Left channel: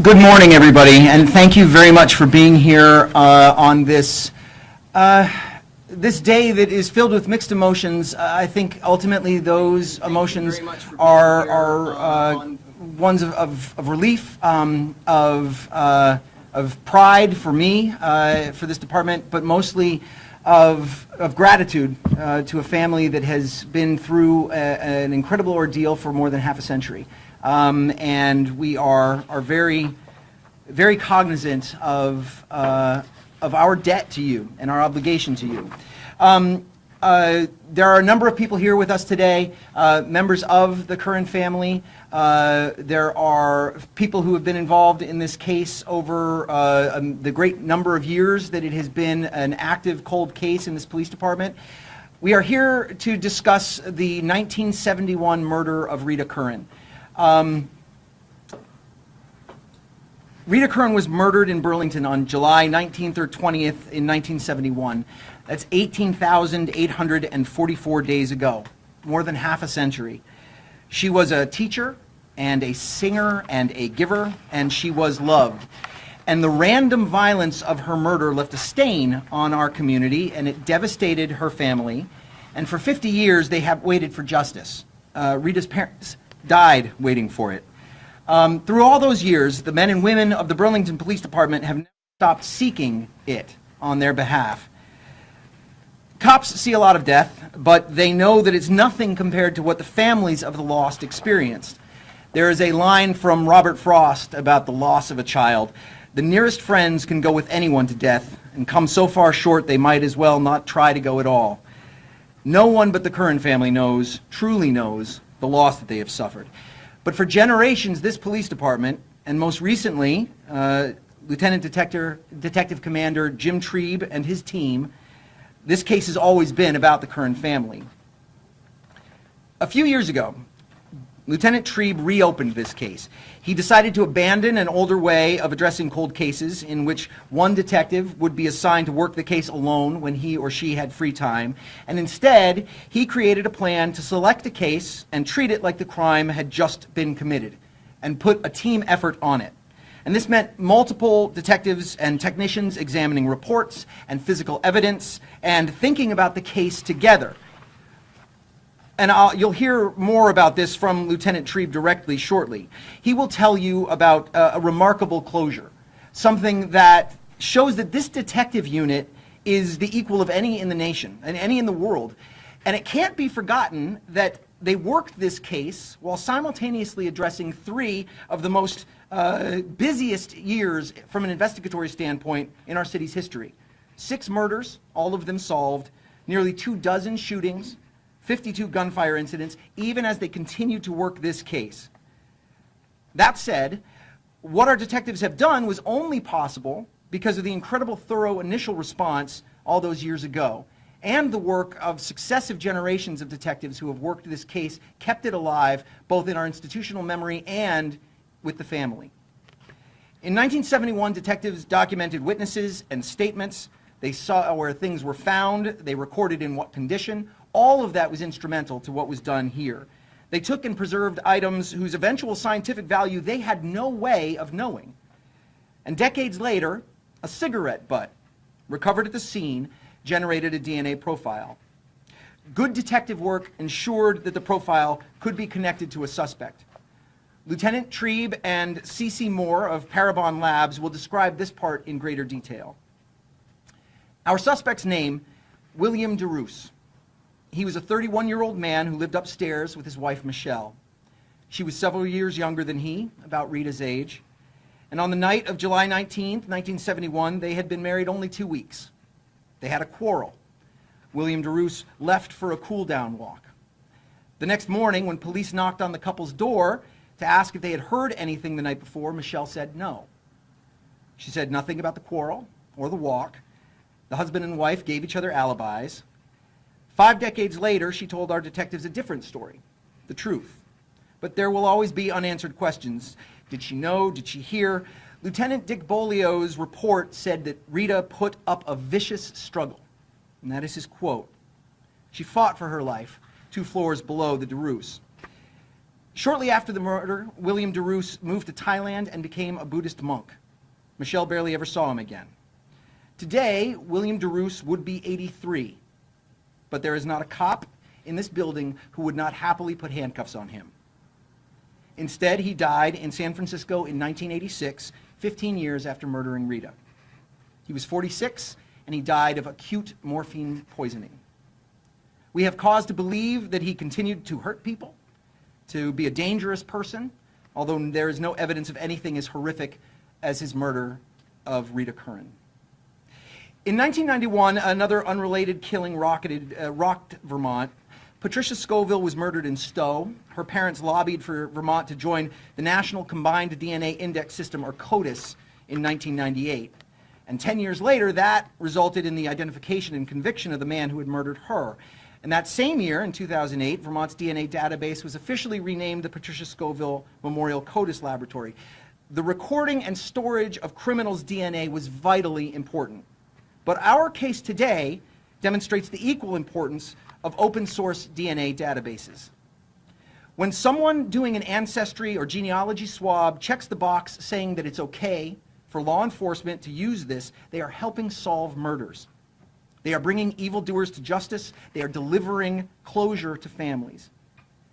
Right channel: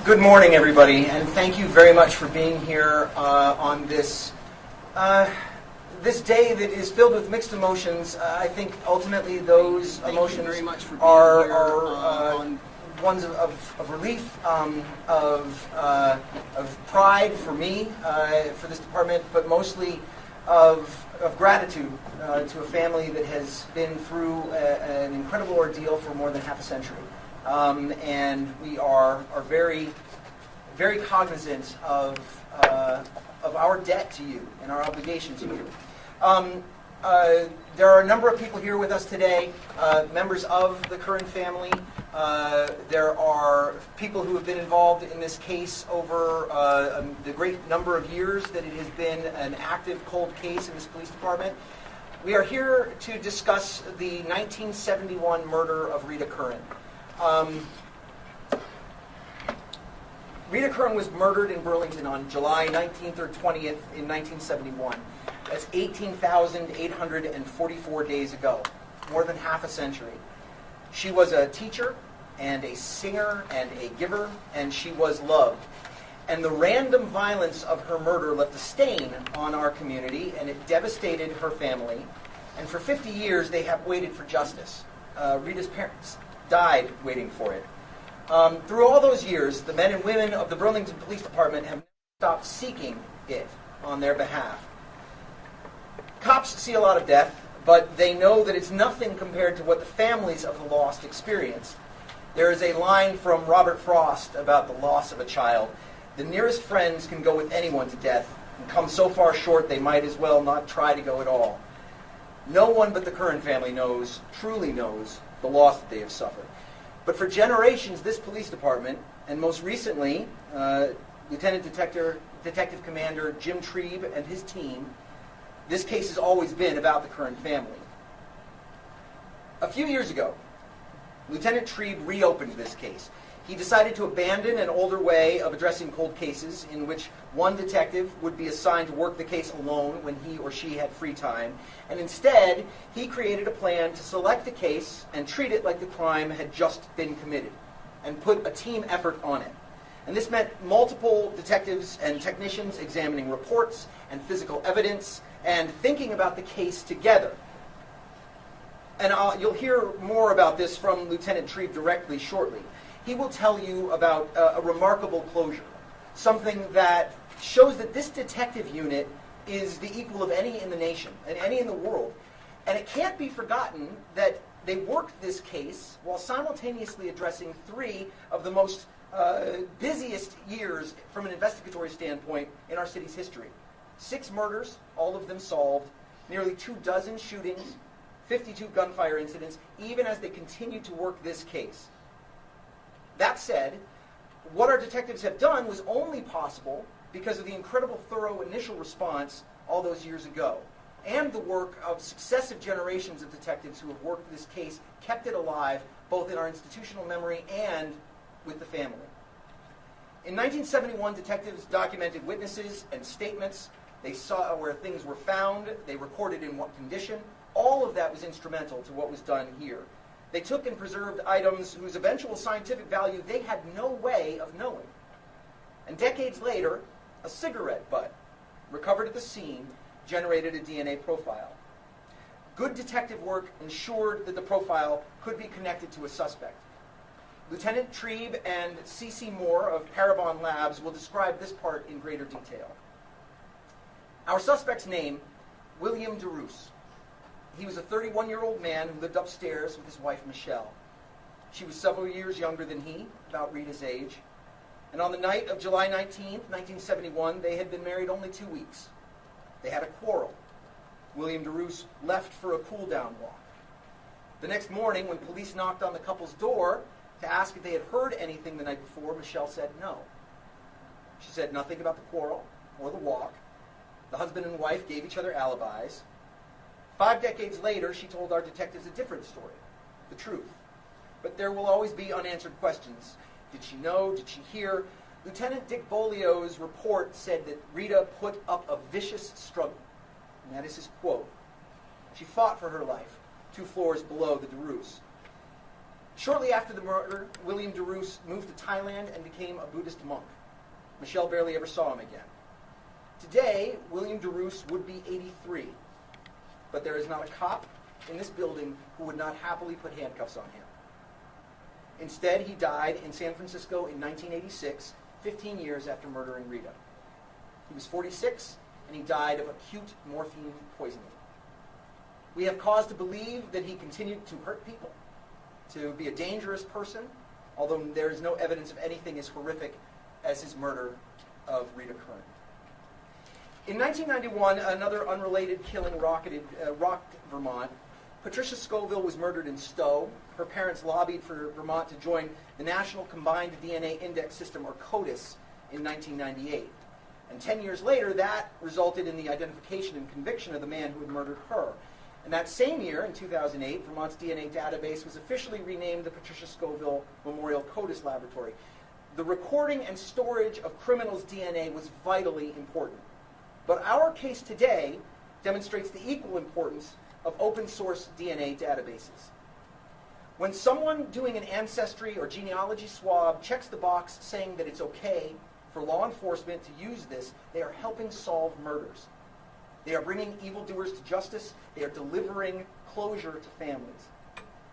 Good morning, everybody, and thank you very much for being here on this this day that is filled with mixed emotions. I think ultimately those emotions are ones of relief, of pride for me, for this department, but mostly of gratitude to a family that has been through an incredible ordeal for more than half a century. And we are very, very cognizant of our debt to you and our obligation to you. There are a number of people here with us today, members of the Curran family. There are people who have been involved in this case over the great number of years that it has been an active cold case in this police department. We are here to discuss the 1971 murder of Rita Curran. Rita Curran was murdered in Burlington on July 19th or 20th in 1971. That's 18,844 days ago, more than half a century. She was a teacher and a singer and a giver, and she was loved. And the random violence of her murder left a stain on our community, and it devastated her family. And for 50 years, they have waited for justice. Rita's parents died waiting for it. Through all those years, the men and women of the Burlington Police Department have never stopped seeking it on their behalf. Cops see a lot of death, but they know that it's nothing compared to what the families of the lost experienced. There is a line from Robert Frost about the loss of a child. The nearest friends can go with anyone to death and come so far short they might as well not try to go at all. No one but the Curran family truly knows, the loss that they have suffered. But for generations, this police department, and most recently, Lieutenant Detective Commander Jim Trieb and his team, this case has always been about the Curran family. A few years ago, Lieutenant Trieb reopened this case. He decided to abandon an older way of addressing cold cases in which one detective would be assigned to work the case alone when he or she had free time, and instead he created a plan to select a case and treat it like the crime had just been committed and put a team effort on it. And this meant multiple detectives and technicians examining reports and physical evidence and thinking about the case together. And you'll hear more about this from Lieutenant Trieb directly shortly. He will tell you about a remarkable closure, something that shows that this detective unit is the equal of any in the nation and any in the world. And it can't be forgotten that they worked this case while simultaneously addressing three of the most busiest years from an investigatory standpoint in our city's history. 6 murders, all of them solved, nearly 24 shootings, 52 gunfire incidents, even as they continue to work this case. That said, what our detectives have done was only possible because of the incredible thorough initial response all those years ago, and the work of successive generations of detectives who have worked this case, kept it alive, both in our institutional memory and with the family. In 1971, detectives documented witnesses and statements. They saw where things were found. They recorded in what condition. All of that was instrumental to what was done here. They took and preserved items whose eventual scientific value they had no way of knowing. And decades later, a cigarette butt recovered at the scene generated a DNA profile. Good detective work ensured that the profile could be connected to a suspect. Lieutenant Trieb and C.C. Moore of Parabon Labs will describe this part in greater detail. Our suspect's name, William DeRoos. He was a 31-year-old man who lived upstairs with his wife, Michelle. She was several years younger than he, about Rita's age. And on the night of July 19th, 1971, they had been married only 2 weeks. They had a quarrel. William DeRoos left for a cool-down walk. The next morning, when police knocked on the couple's door to ask if they had heard anything the night before, Michelle said no. She said nothing about the quarrel or the walk. The husband and wife gave each other alibis. 5 decades later, she told our detectives a different story, the truth. But there will always be unanswered questions. Did she know? Did she hear? Lieutenant Dick Bolio's report said that Rita put up a vicious struggle, and that is his quote. She fought for her life 2 floors below the DeRoos. Shortly after the murder, William DeRoos moved to Thailand and became a Buddhist monk. Michelle barely ever saw him again. Today, William DeRoos would be 83, but there is not a cop in this building who would not happily put handcuffs on him. Instead, he died in San Francisco in 1986, 15 years after murdering Rita. He was 46, and he died of acute morphine poisoning. We have cause to believe that he continued to hurt people, to be a dangerous person, although there is no evidence of anything as horrific as his murder of Rita Curran. In 1991, another unrelated killing rocked Vermont. Patricia Scoville was murdered in Stowe. Her parents lobbied for Vermont to join the National Combined DNA Index System, or CODIS, in 1998. And 10 years later, that resulted in the identification and conviction of the man who had murdered her. And that same year, in 2008, Vermont's DNA database was officially renamed the Patricia Scoville Memorial CODIS Laboratory. The recording and storage of criminals' DNA was vitally important. But our case today demonstrates the equal importance of open source DNA databases. When someone doing an ancestry or genealogy swab checks the box saying that it's okay for law enforcement to use this, they are helping solve murders. They are bringing evildoers to justice. They are delivering closure to families.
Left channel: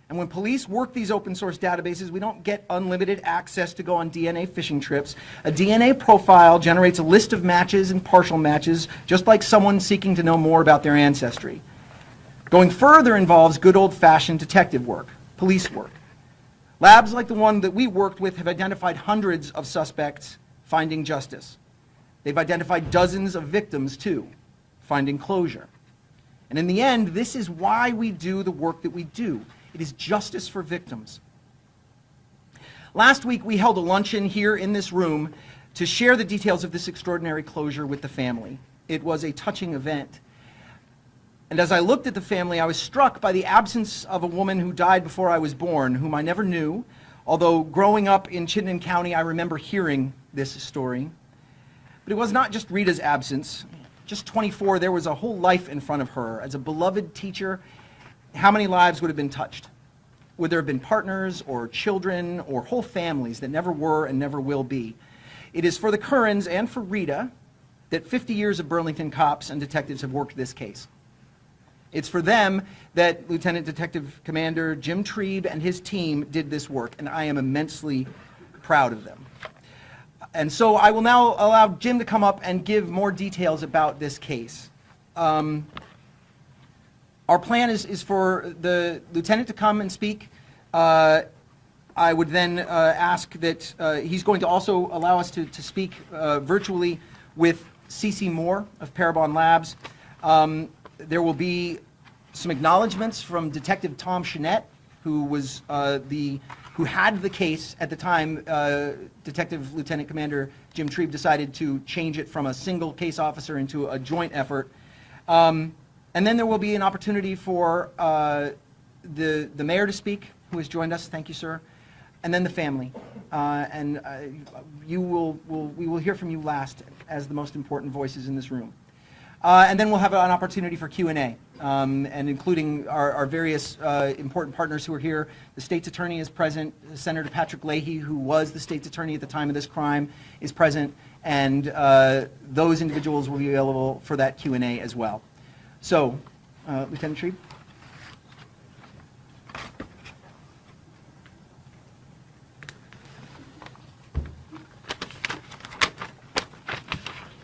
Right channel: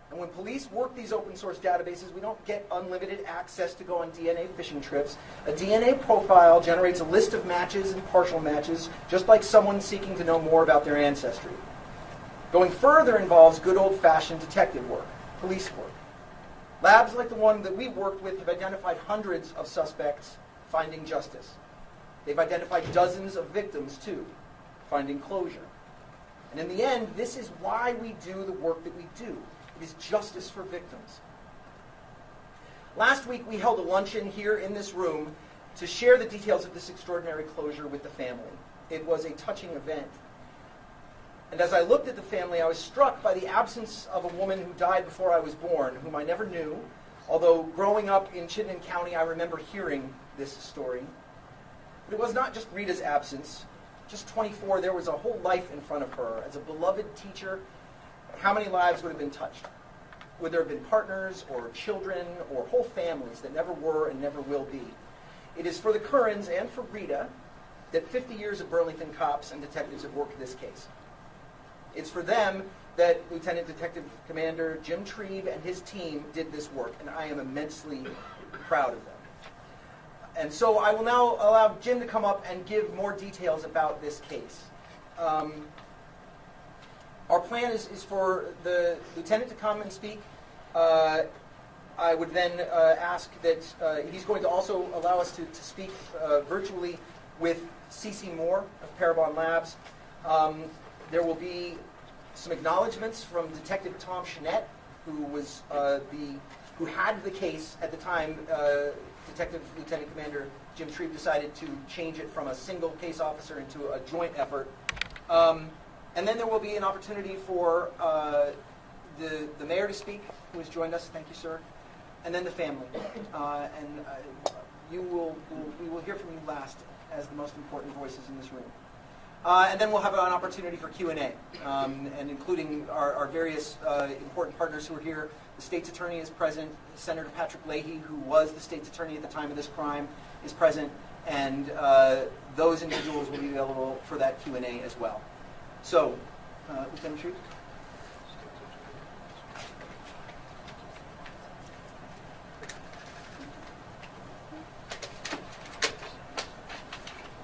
And when police work these open source databases, we don't get unlimited access to go on DNA fishing trips. A DNA profile generates a list of matches and partial matches, just like someone seeking to know more about their ancestry. Going further involves good old-fashioned detective work, police work. Labs like the one that we worked with have identified hundreds of suspects, finding justice. They've identified dozens of victims, too, finding closure. And in the end, this is why we do the work that we do. It is justice for victims. Last week, we held a luncheon here in this room to share the details of this extraordinary closure with the family. It was a touching event. And as I looked at the family, I was struck by the absence of a woman who died before I was born, whom I never knew, although growing up in Chittenden County, I remember hearing this story. But it was not just Rita's absence. Just 24, there was a whole life in front of her. As a beloved teacher, how many lives would have been touched? Would there have been partners or children or whole families that never were and never will be? It is for the Currans and for Rita that 50 years of Burlington cops and detectives have worked this case. It's for them that Lieutenant Detective Commander Jim Trebe and his team did this work, and I am immensely proud of them. And so I will now allow Jim to come up and give more details about this case. Our plan is for the lieutenant to come and speak. I would then ask that he's going to also allow us to speak virtually with Cece Moore of Parabon Labs. There will be some acknowledgments from Detective Tom Chenette, who was who had the case at the time. Detective Lieutenant Commander Jim Trebe decided to change it from a single case officer into a joint effort. And then there will be an opportunity for the mayor to speak, who has joined us. Thank you, sir. And then the family. We will hear from you last as the most important voices in this room. And then we'll have an opportunity for Q&A, and including our various important partners who are here. The state's attorney is present. Senator Patrick Leahy, who was the state's attorney at the time of this crime, is present. And those individuals will be available for that Q&A as well. So, Lieutenant Trebe.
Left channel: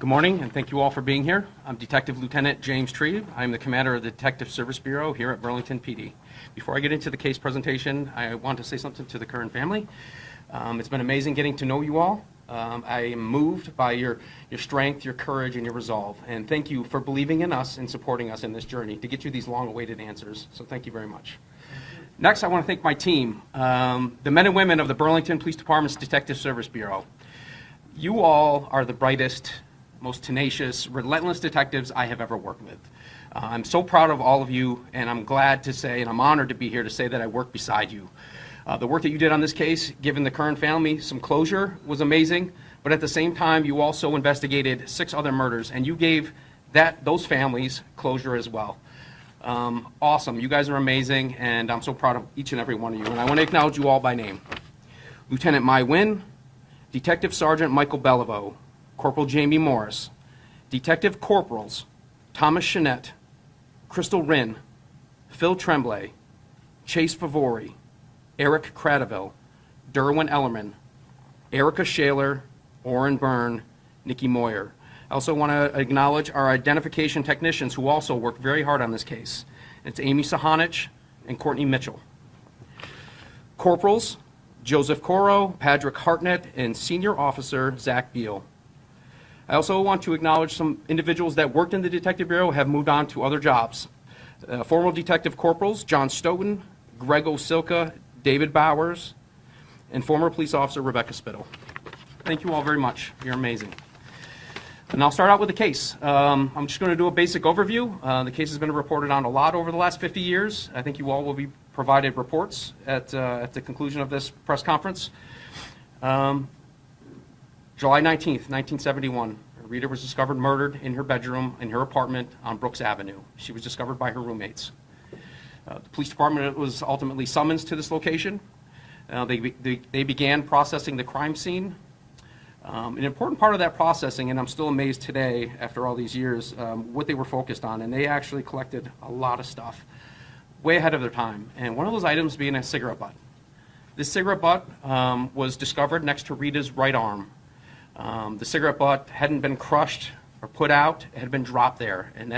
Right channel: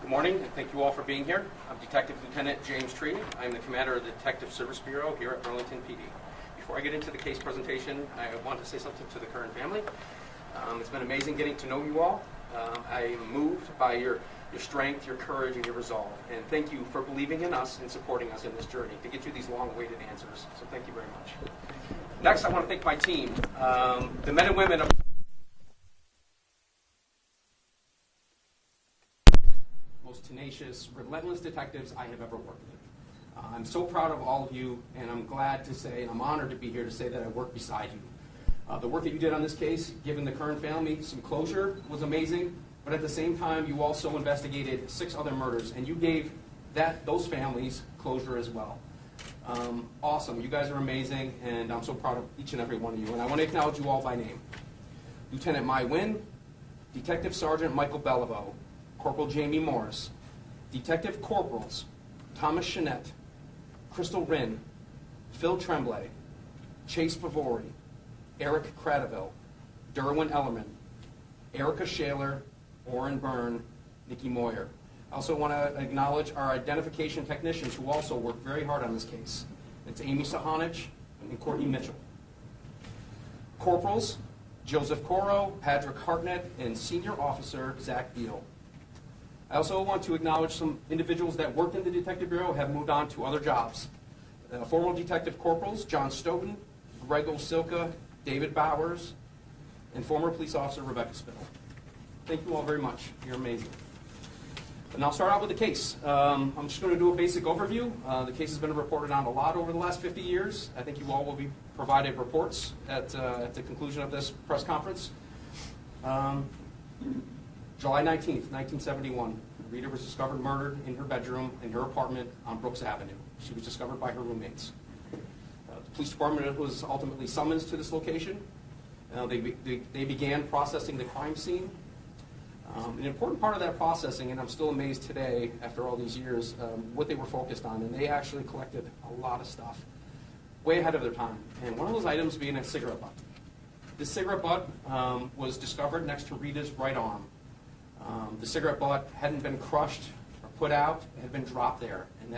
Good morning, and thank you all for being here. I'm Detective Lieutenant James Trebe. I'm the commander of the Detective Service Bureau here at Burlington PD. Before I get into the case presentation, I want to say something to the Curran family. It's been amazing getting to know you all. I am moved by your strength, your courage, and your resolve. And thank you for believing in us and supporting us in this journey to get you these long-awaited answers. So thank you very much. Next, I want to thank my team, the men and women of the Burlington Police Department's Detective Service Bureau. You all are the brightest, most tenacious, relentless detectives I have ever worked with. I'm so proud of all of you, and I'm glad to say, and I'm honored to be here to say that I work beside you. The work that you did on this case, giving the Curran family some closure, was amazing, but at the same time, you also investigated 6 other murders, and you gave those families closure as well. Awesome. You guys are amazing, and I'm so proud of each and every one of you. And I want to acknowledge you all by name. Lieutenant Mai Wynn, Detective Sergeant Michael Beliveau, Corporal Jamie Morris, Detective Corporals Thomas Chenette, Crystal Rinn, Phil Tremblay, Chase Favori, Eric Cradaville, Derwin Ellerman, Erica Shaler, Orrin Byrne, Nikki Moyer. I also want to acknowledge our identification technicians who also worked very hard on this case. It's Amy Sahanich and Courtney Mitchell. Corporals, Joseph Coro, Patrick Hartnett, and Senior Officer Zach Beal. I also want to acknowledge some individuals that worked in the Detective Bureau have moved on to other jobs. Former Detective Corporals John Stoughton, Greg Osilka, David Bowers, and former police officer Rebecca Spittle. Thank you all very much. You're amazing. And I'll start out with the case. I'm just going to do a basic overview. The case has been reported on a lot over the last 50 years. I think you all will be provided reports at the conclusion of this press conference. July 19th, 1971, Rita was discovered murdered in her bedroom in her apartment on Brooks Avenue. She was discovered by her roommates. The police department was ultimately summoned to this location. They began processing the crime scene. An important part of that processing, and I'm still amazed today after all these years, what they were focused on, and they actually collected a lot of stuff way ahead of their time, and one of those items being a cigarette butt. This cigarette butt was discovered next to Rita's right arm. The cigarette butt hadn't been crushed or put out, it had been dropped there, and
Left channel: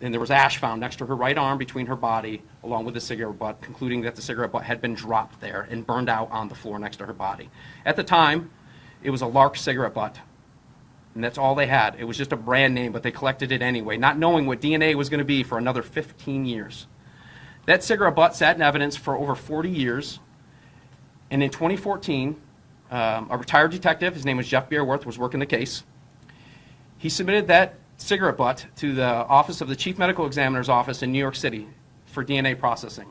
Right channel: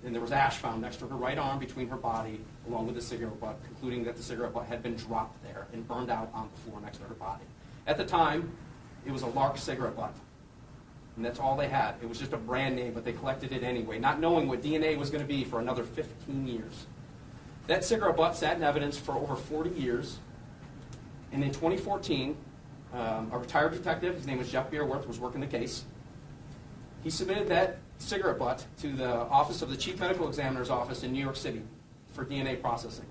and there was ash found next to her right arm between her body along with the cigarette butt, concluding that the cigarette butt had been dropped there and burned out on the floor next to her body. At the time, it was a Lark cigarette butt, and that's all they had. It was just a brand name, but they collected it anyway, not knowing what DNA was going to be for another 15 years. That cigarette butt sat in evidence for over 40 years, and in 2014, a retired detective, his name was Jeff Beerworth, was working the case. He submitted that cigarette butt to the office of the Chief Medical Examiner's office in New York City for DNA processing.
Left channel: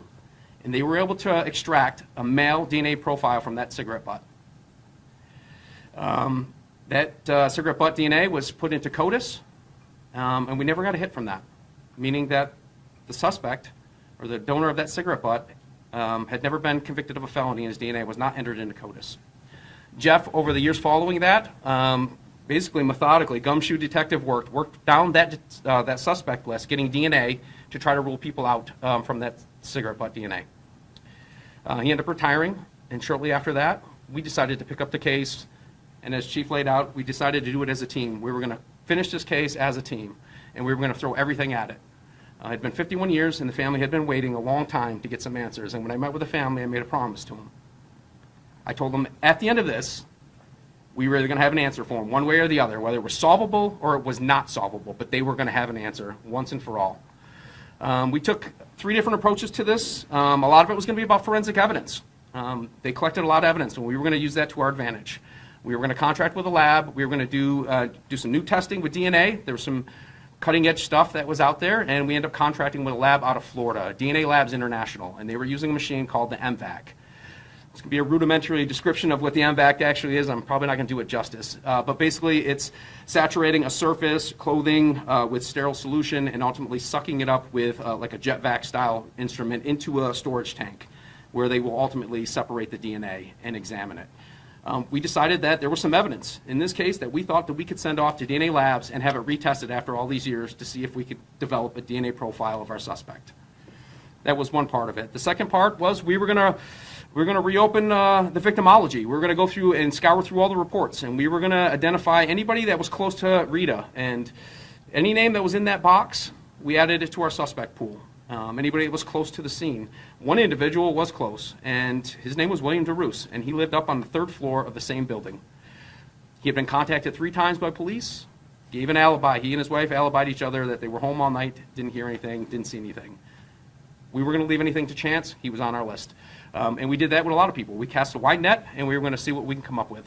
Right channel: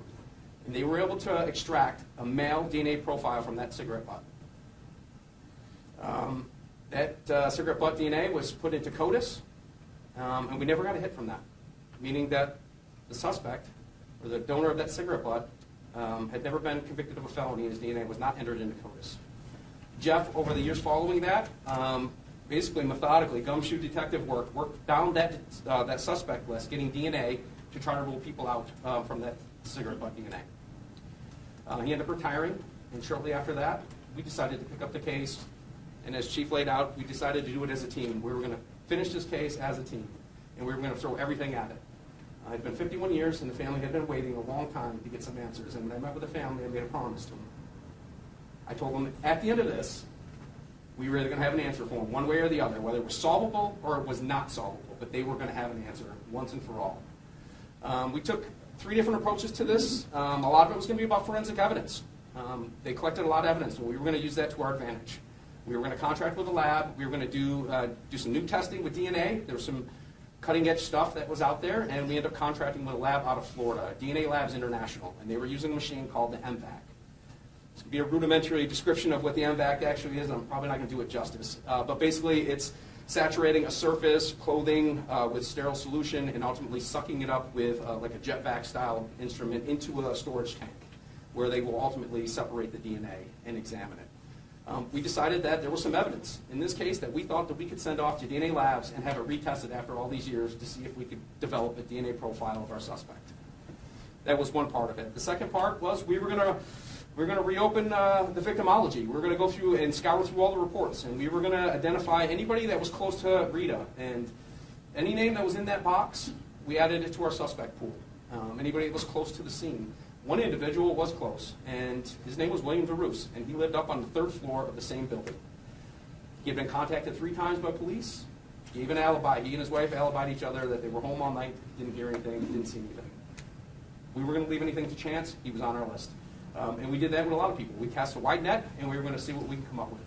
And they were able to extract a male DNA profile from that cigarette butt. That cigarette butt DNA was put into CODIS, and we never got a hit from that, meaning that the suspect, or the donor of that cigarette butt, had never been convicted of a felony, and his DNA was not entered into CODIS. Jeff, over the years following that, basically methodically, gumshoe detective worked down that suspect list, getting DNA to try to rule people out from that cigarette butt DNA. He ended up retiring, and shortly after that, we decided to pick up the case, and as Chief laid out, we decided to do it as a team. We were going to finish this case as a team, and we were going to throw everything at it. It had been 51 years, and the family had been waiting a long time to get some answers, and when I met with the family, I made a promise to them. I told them, at the end of this, we were either going to have an answer for them, one way or the other, whether it was solvable or it was not solvable, but they were going to have an answer once and for all. We took 3 different approaches to this. A lot of it was going to be about forensic evidence. They collected a lot of evidence, and we were going to use that to our advantage. We were going to contract with a lab. We were going to do some new testing with DNA. There was some cutting-edge stuff that was out there, and we ended up contracting with a lab out of Florida, DNA Labs International, and they were using a machine called the MVAC. It's going to be a rudimentary description of what the MVAC actually is. I'm probably not going to do it justice. But basically, it's saturating a surface, clothing with sterile solution, and ultimately sucking it up with like a jet vac style instrument into a storage tank, where they will ultimately separate the DNA and examine it. We decided that there was some evidence in this case that we thought that we could send off to DNA Labs and have it retested after all these years to see if we could develop a DNA profile of our suspect. That was one part of it. The second part was we were going to reopen the victimology. We were going to go through and scour through all the reports, and we were going to identify anybody that was close to Rita, and any name that was in that box, we added it to our suspect pool. Anybody that was close to the scene. One individual was close, and his name was William DeRoos, and he lived up on the 3rd floor of the same building. He had been contacted 3 times by police, gave an alibi. He and his wife alibied each other that they were home all night, didn't hear anything, didn't see anything. We were going to leave anything to chance. He was on our list. And we did that with a lot of people. We cast a wide net, and we were going to see what we can come up with.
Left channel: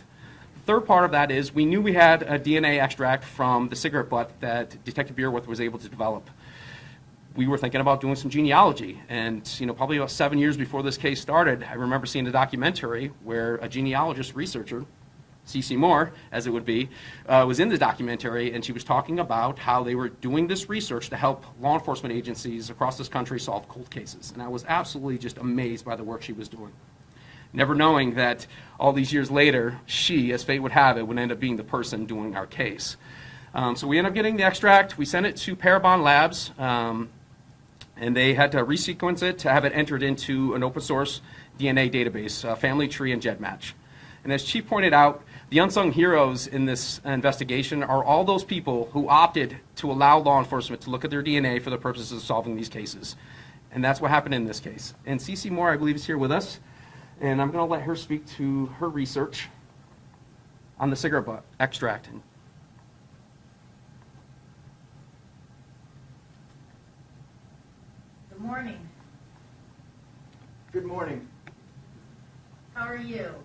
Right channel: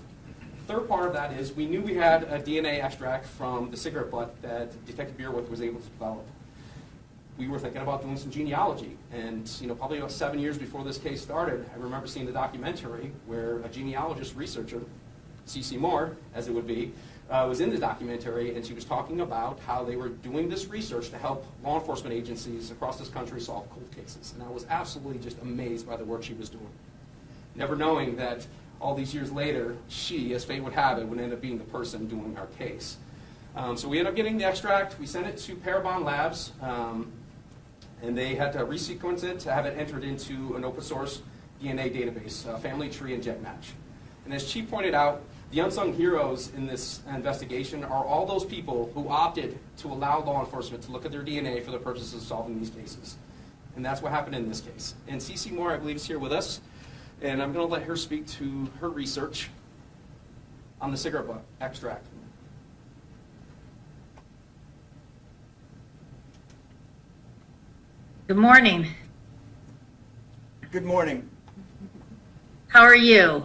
Third part of that is we knew we had a DNA extract from the cigarette butt that Detective Beerworth was able to develop. We were thinking about doing some genealogy, and probably about 7 years before this case started, I remember seeing a documentary where a genealogist researcher Cece Moore, as it would be, was in the documentary, and she was talking about how they were doing this research to help law enforcement agencies across this country solve cold cases. And I was absolutely just amazed by the work she was doing. Never knowing that all these years later, she, as fate would have it, would end up being the person doing our case. So we ended up getting the extract. We sent it to Parabon Labs, and they had to resequence it to have it entered into an open source DNA database, family tree and GEDmatch. And as Chief pointed out, the unsung heroes in this investigation are all those people who opted to allow law enforcement to look at their DNA for the purposes of solving these cases. And that's what happened in this case. And Cece Moore, I believe, is here with us. And I'm going to let her speak to her research on the cigarette butt extract. Good morning. Good morning. How are you?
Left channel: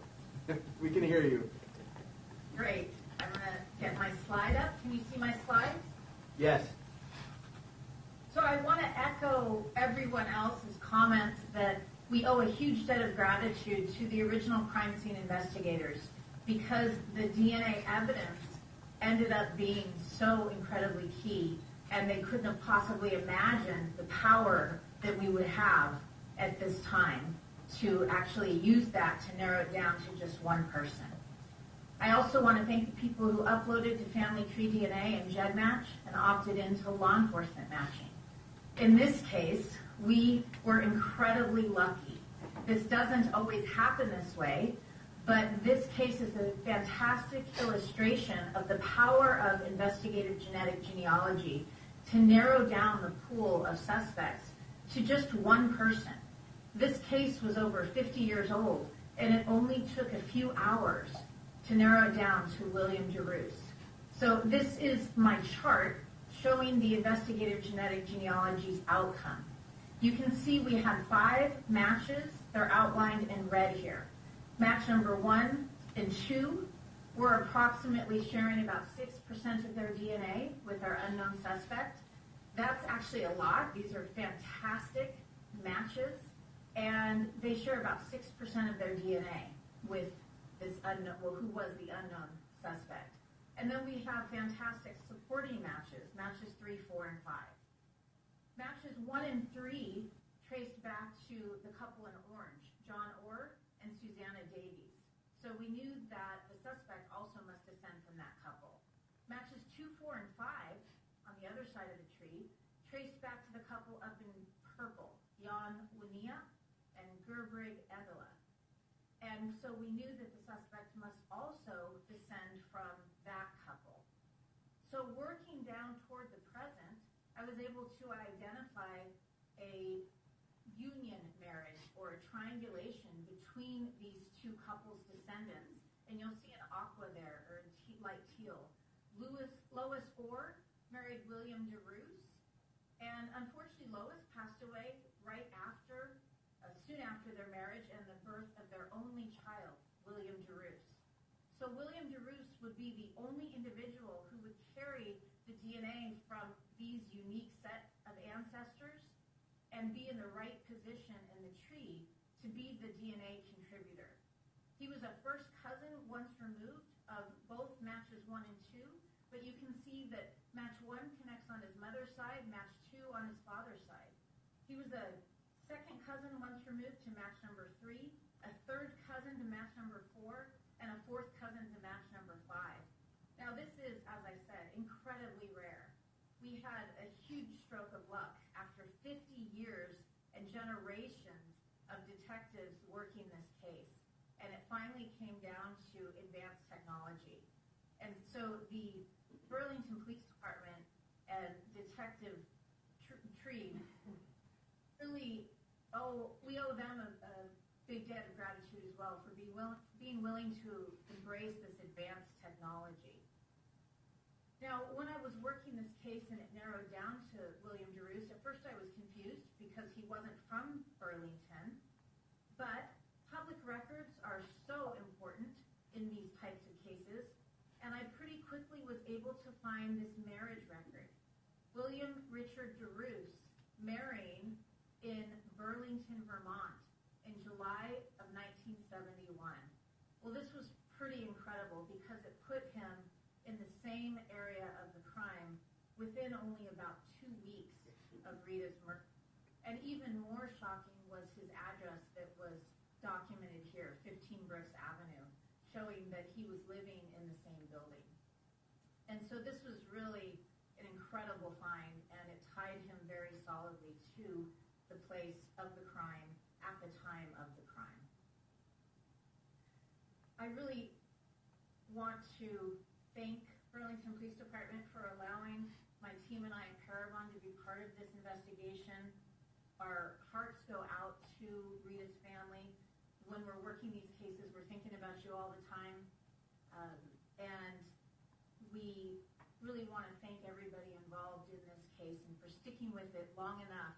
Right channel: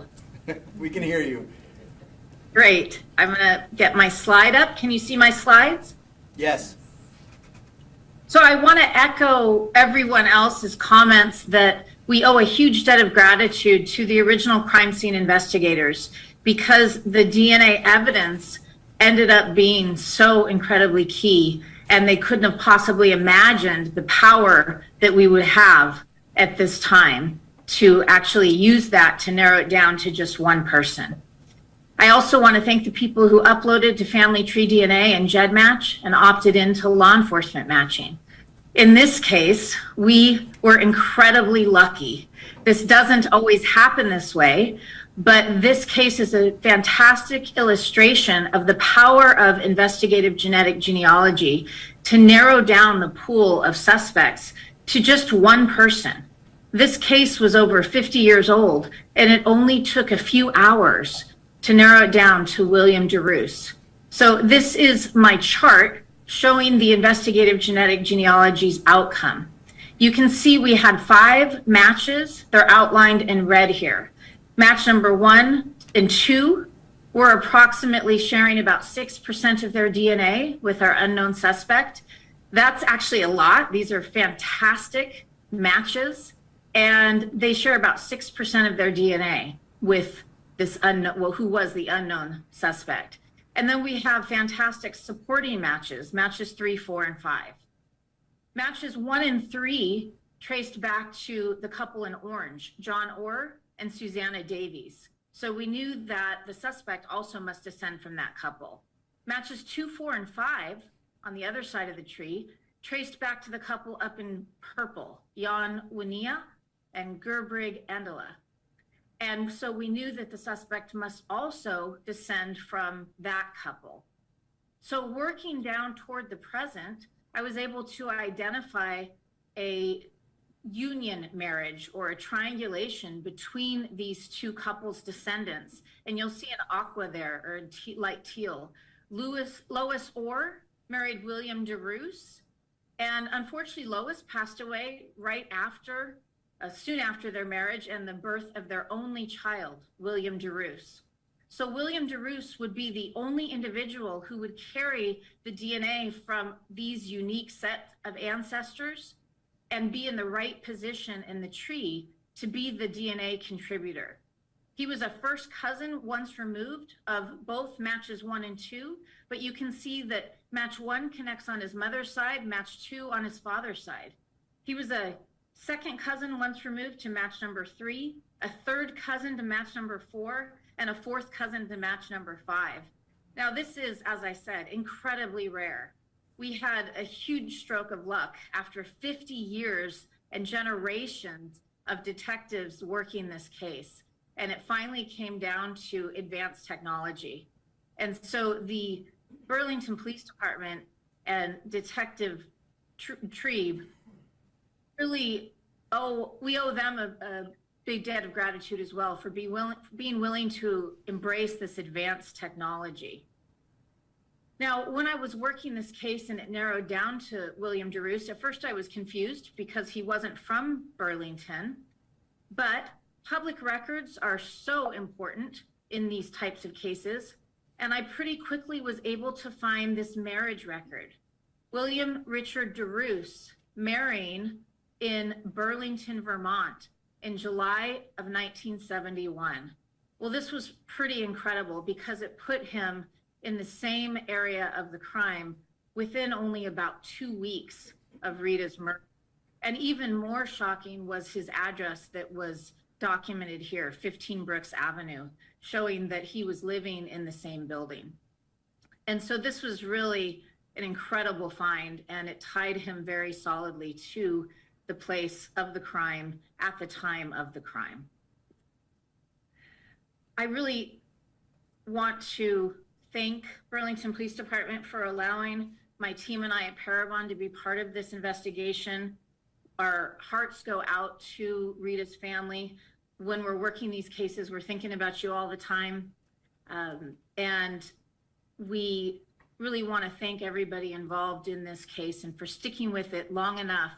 We can hear you. Great. I'm going to get my slide up. Can you see my slides? Yes. So I want to echo everyone else's comments that we owe a huge debt of gratitude to the original crime scene investigators because the DNA evidence ended up being so incredibly key, and they couldn't have possibly imagined the power that we would have at this time to actually use that to narrow it down to just one person. I also want to thank the people who uploaded to Family Tree DNA and GEDmatch and opted into law enforcement matching. In this case, we were incredibly lucky. This doesn't always happen this way, but this case is a fantastic illustration of the power of investigative genetic genealogy to narrow down the pool of suspects to just one person. This case was over 50 years old, and it only took a few hours to narrow it down to William DeRoos. So this is my chart showing the investigative genetic genealogy's outcome. You can see we had 5 matches. They're outlined in red here. Match number 1 and 2 were approximately sharing about 6% of their DNA with our unknown suspect. That's actually a lot. These are fantastic matches, and they share about 6% of their DNA with this unknown, well, who was the unknown suspect. And then we have fantastic supporting matches, matches 3, 4, and 5. Matches 1 and 3 traced back to the couple in orange, John Orr and Susanna Davies. So we knew that the suspect also must descend from that couple. Matches 2, 4, and 5 on the other side of the tree traced back to the couple up in purple, Jan Winia and Gerbrig Endela. And so we knew that the suspect must also descend from that couple. So working down toward the present, I was able to identify a union marriage or a triangulation between these two couples' descendants. And you'll see an aqua there, or light teal. Lois Orr married William DeRoos. And unfortunately, Lois passed away right after, soon after their marriage and the birth of their only child, William DeRoos. So William DeRoos would be the only individual who would carry the DNA from these unique set of ancestors and be in the right position in the tree to be the DNA contributor. He was a first cousin once removed of both matches 1 and 2, but you can see that match 1 connects on his mother's side, match 2 on his father's side. He was a second cousin once removed to match number 3, a third cousin to match number 4, and a fourth cousin to match number 5. Now this is, as I said, incredibly rare. We had a huge stroke of luck after 50 years and generations of detectives working this case. And it finally came down to advanced technology. And so the Burlington Police Department and Detective Trebe really we owe them a big debt of gratitude as well for being willing to embrace this advanced technology. Now, when I was working this case and it narrowed down to William DeRoos, at first I was confused because he wasn't from Burlington, but public records are so important in these types of cases, and I pretty quickly was able to find this marriage record. William Richard DeRoos marrying in Burlington, Vermont in July of 1971. Well, this was pretty incredible because it put him in the same area of the crime within only about 2 weeks of Rita's murder. And even more shocking was his address that was documented here, 15 Brooks Avenue, showing that he was living in the same building. And so this was really an incredible find, and it tied him very solidly to the place of the crime at the time of the crime. I really want to thank Burlington Police Department for allowing my team and I at Parabon to be part of this investigation. Our hearts go out to Rita's family. When we're working these cases, we're thinking about you all the time. And we really want to thank everybody involved in this case and for sticking with it long enough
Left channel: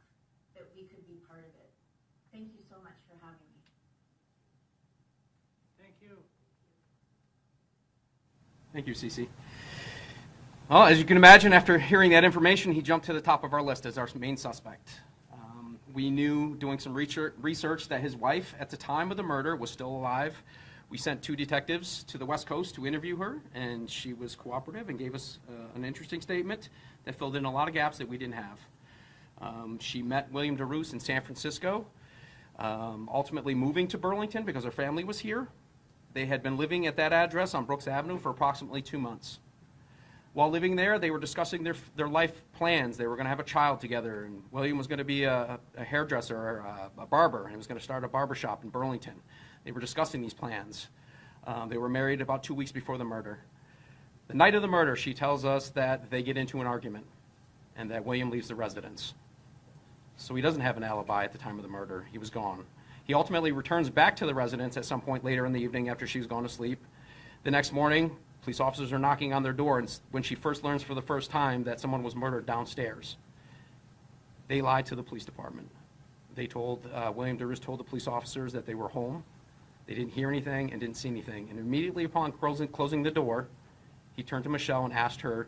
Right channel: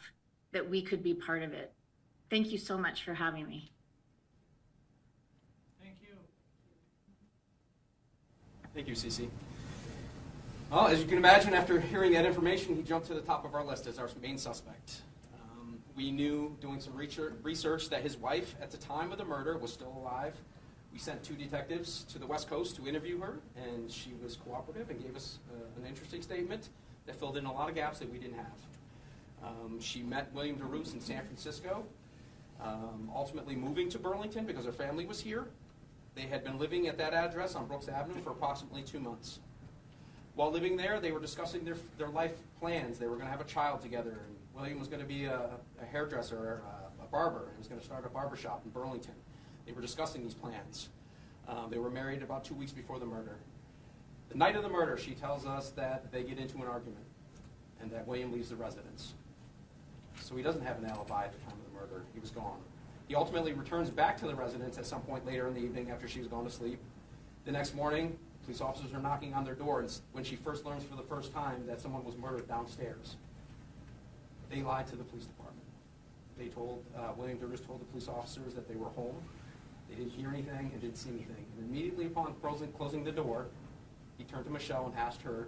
that we could be part of it. Thank you so much for having me. Thank you. Thank you, Cece. Well, as you can imagine, after hearing that information, he jumped to the top of our list as our main suspect. We knew, doing some research, that his wife at the time of the murder was still alive. We sent 2 detectives to the West Coast to interview her, and she was cooperative and gave us an interesting statement that filled in a lot of gaps that we didn't have. She met William DeRoos in San Francisco, ultimately moving to Burlington because her family was here. They had been living at that address on Brooks Avenue for approximately 2 months. While living there, they were discussing their life plans. They were going to have a child together, and William was going to be a hairdresser or a barber, and he was going to start a barber shop in Burlington. They were discussing these plans. They were married about 2 weeks before the murder. The night of the murder, she tells us that they get into an argument and that William leaves the residence. So he doesn't have an alibi at the time of the murder. He was gone. He ultimately returns back to the residence at some point later in the evening after she's gone to sleep. The next morning, police officers are knocking on their door, and when she first learns for the first time that someone was murdered downstairs, they lied to the police department. They told, William DeRoos told the police officers that they were home. They didn't hear anything and didn't see anything. And immediately upon closing the door, he turned to Michelle and asked her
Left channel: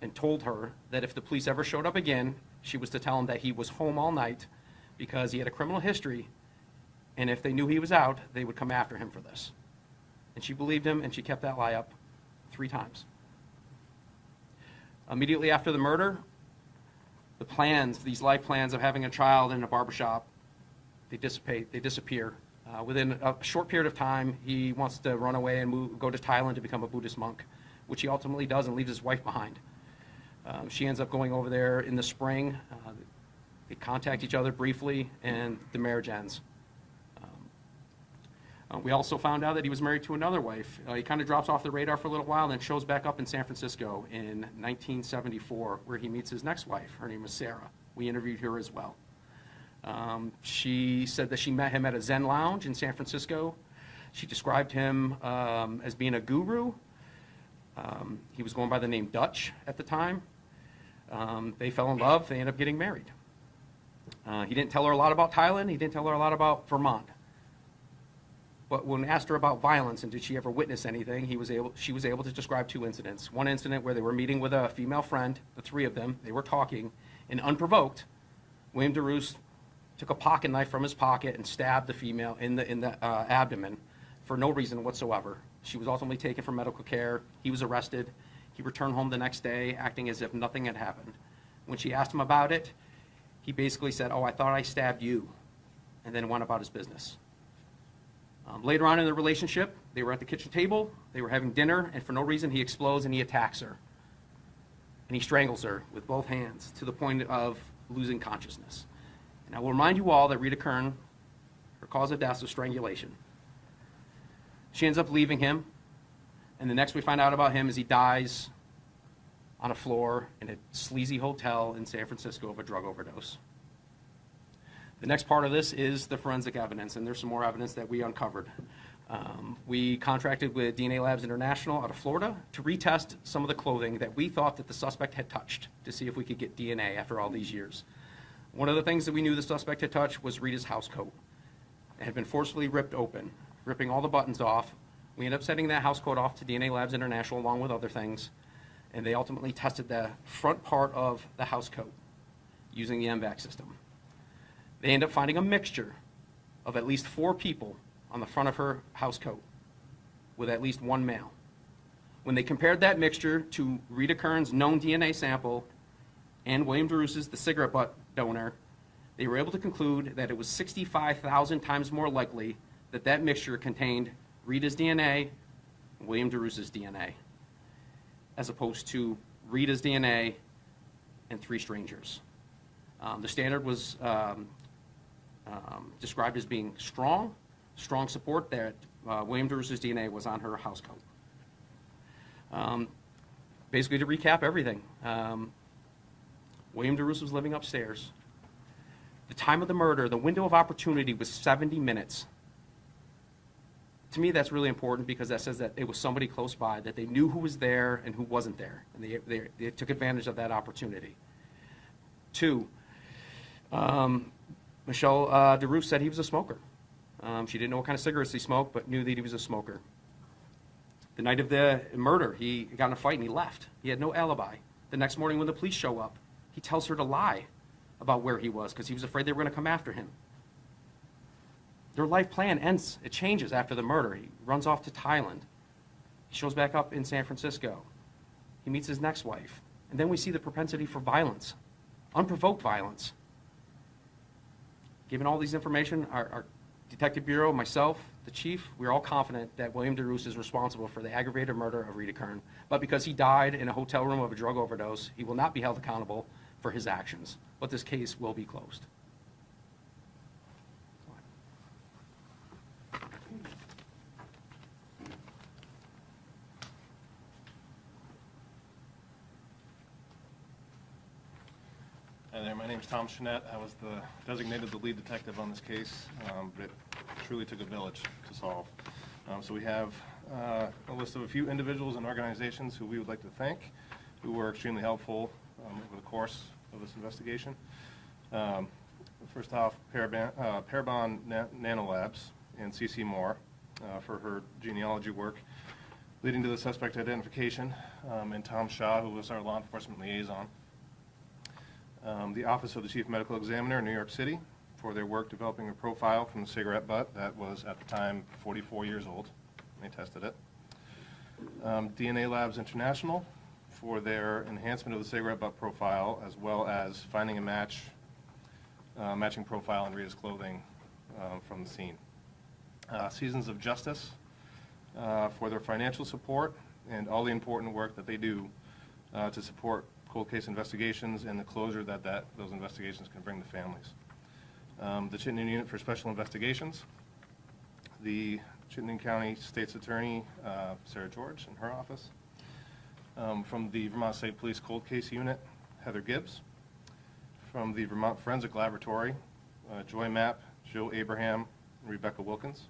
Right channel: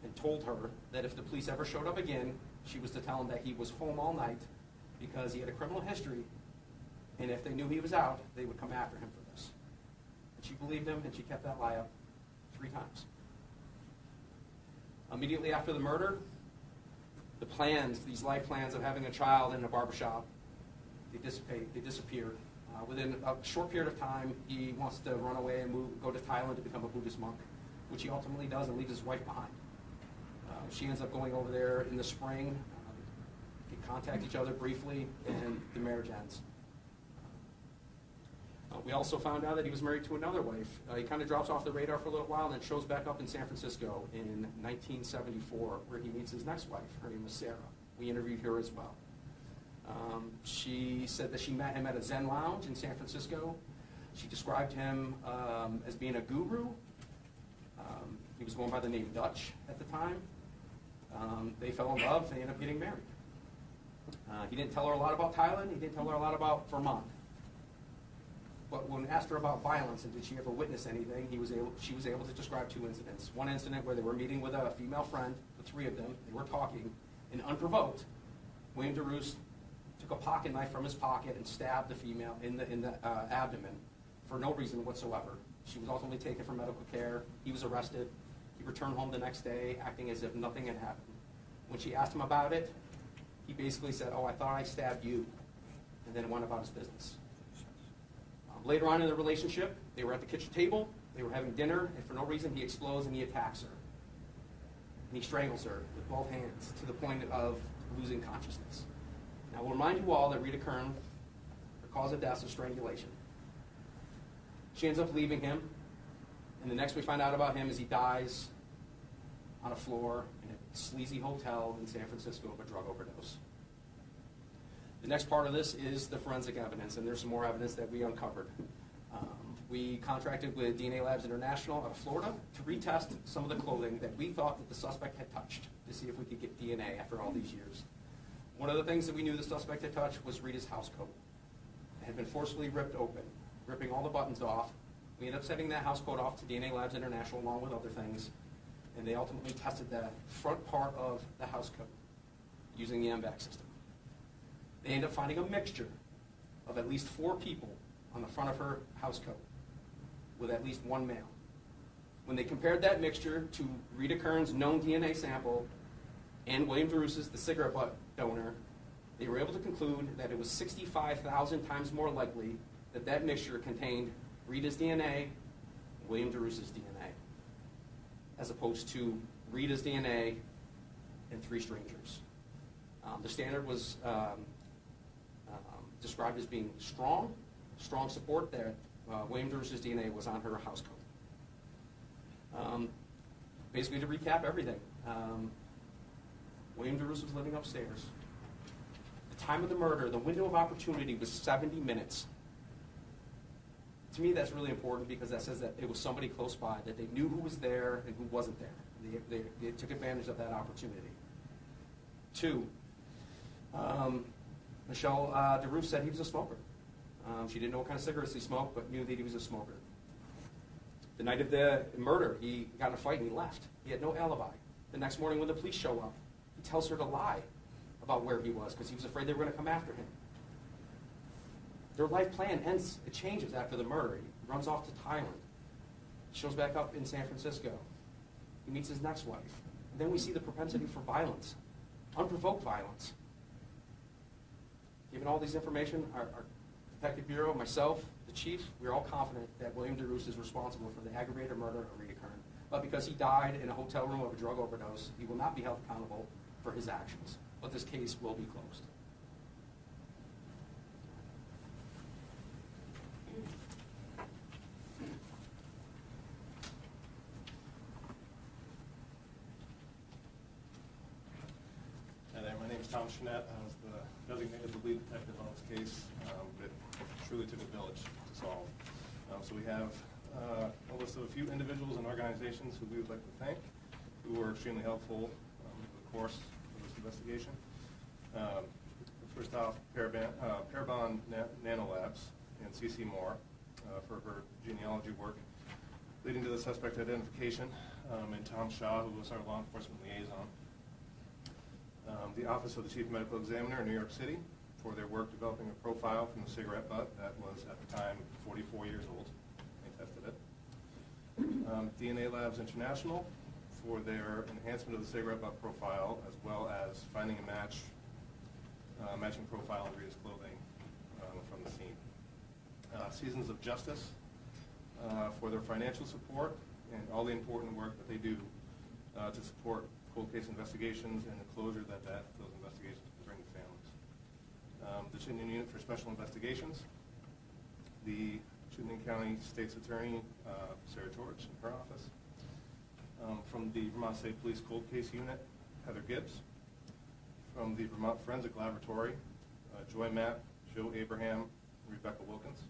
and told her that if the police ever showed up again, she was to tell him that he was home all night because he had a criminal history, and if they knew he was out, they would come after him for this. And she believed him, and she kept that lie up 3 times. Immediately after the murder, the plans, these life plans of having a child in a barbershop, they dissipate, they disappear. Within a short period of time, he wants to run away and go to Thailand to become a Buddhist monk, which he ultimately does and leaves his wife behind. She ends up going over there in the spring. They contact each other briefly, and the marriage ends. We also found out that he was married to another wife. He kind of drops off the radar for a little while and then shows back up in San Francisco in 1974, where he meets his next wife. Her name is Sarah. We interviewed her as well. She said that she met him at a Zen lounge in San Francisco. She described him as being a guru. He was going by the name Dutch at the time. They fell in love. They ended up getting married. He didn't tell her a lot about Thailand. He didn't tell her a lot about Vermont. But when asked her about violence and did she ever witness anything, she was able to describe 2 incidents. One incident where they were meeting with a female friend, the 3 of them, they were talking, and unprovoked, William DeRoos took a pocket knife from his pocket and stabbed the female in the abdomen for no reason whatsoever. She was ultimately taken for medical care. He was arrested. He returned home the next day acting as if nothing had happened. When she asked him about it, he basically said, "Oh, I thought I stabbed you," and then went about his business. Later on in the relationship, they were at the kitchen table, they were having dinner, and for no reason he explodes and he attacks her. And he strangles her with both hands to the point of losing consciousness. And I will remind you all that Rita Kern, her cause of death was strangulation. She ends up leaving him, and the next we find out about him is he dies on a floor in a sleazy hotel in San Francisco of a drug overdose. The next part of this is the forensic evidence, and there's some more evidence that we uncovered. We contracted with DNA Labs International out of Florida to retest some of the clothing that we thought that the suspect had touched to see if we could get DNA after all these years. One of the things that we knew the suspect had touched was Rita's house coat. It had been forcibly ripped open, ripping all the buttons off. We ended up sending that house coat off to DNA Labs International along with other things, and they ultimately tested the front part of the house coat using the MVAC system. They ended up finding a mixture of at least 4 people on the front of her house coat. with at least one male. When they compared that mixture to Rita Kern's known DNA sample and William DeRousse's, the cigarette butt donor, they were able to conclude that it was 65,000 times more likely that that mixture contained Rita's DNA and William DeRousse's DNA, as opposed to Rita's DNA and 3 strangers. The standard was described as being strong support that William DeRousse's DNA was on her house coat. Basically, to recap everything, William DeRousse was living upstairs. The time of the murder, the window of opportunity was 70 minutes. To me, that's really important because that says that it was somebody close by, that they knew who was there and who wasn't there. And they took advantage of that opportunity. 2, Michelle DeRousse said he was a smoker. She didn't know what kind of cigarettes he smoked, but knew that he was a smoker. The night of the murder, he got in a fight and he left. He had no alibi. The next morning when the police show up, he tells her to lie about where he was because he was afraid they were going to come after him. Their life plan ends. It changes after the murder. He runs off to Thailand. He shows back up in San Francisco. He meets his next wife. And then we see the propensity for violence, unprovoked violence. Given all these information, our Detective Bureau, myself, the chief, we're all confident that William DeRousse is responsible for the aggravated murder of Rita Kern. But because he died in a hotel room of a drug overdose, he will not be held accountable for his actions. But this case will be closed. Hi there, my name is Tom Chenette. I was designated the lead detective on this case, but it truly took a village to solve. So we have a list of a few individuals and organizations who we would like to thank, who were extremely helpful over the course of this investigation. First off, Parabon Nanolabs and CC Moore for her genealogy work leading to the suspect identification, and Tom Shaw, who was our law enforcement liaison. The Office of the Chief Medical Examiner in New York City for their work developing a profile from the cigarette butt that was at the time 44 years old. They tested it. DNA Labs International for their enhancement of the cigarette butt profile, as well as finding a matching profile in Rita's clothing from the scene. Seasons of Justice for their financial support and all the important work that they do to support cold case investigations and the closure that those investigations can bring to families. The Chittenden Unit for Special Investigations, the Chittenden County State's Attorney, Sarah George, in her office. From the Vermont State Police Cold Case Unit, Heather Gibbs. From the Vermont Forensic Laboratory, Joy Mapp, Joe Abraham, and Rebecca Wilkins.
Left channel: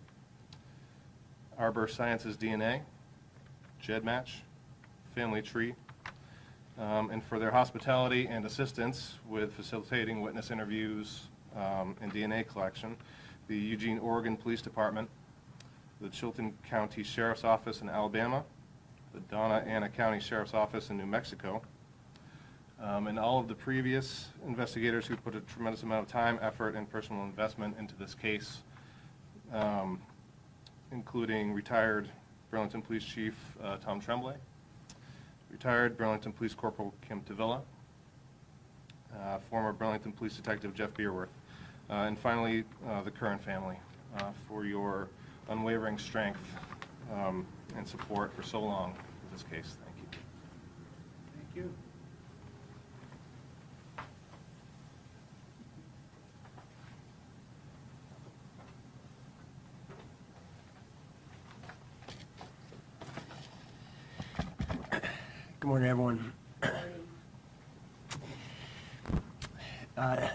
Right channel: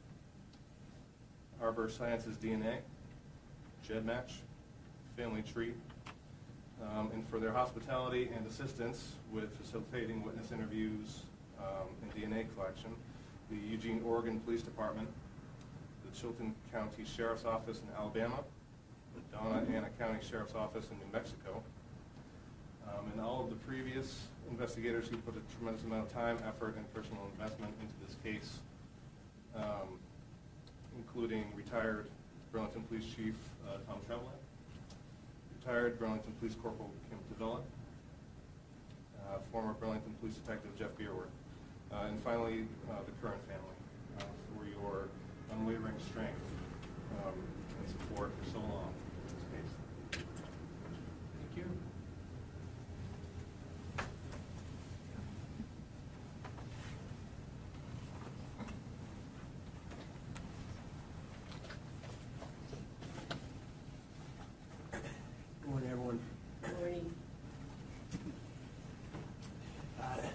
Arbor Sciences DNA, Jed Match, Family Tree, and for their hospitality and assistance with facilitating witness interviews and DNA collection, the Eugene, Oregon Police Department, the Chilton County Sheriff's Office in Alabama, the Donna Ana County Sheriff's Office in New Mexico, and all of the previous investigators who put a tremendous amount of time, effort, and personal investment into this case, including retired Burlington Police Chief Tom Tremblay, retired Burlington Police Corporal Kim Tavilla, former Burlington Police Detective Jeff Beerworth, and finally the Curran family for your unwavering strength and support for so long in this case. Thank you. Thank you. Good morning, everyone.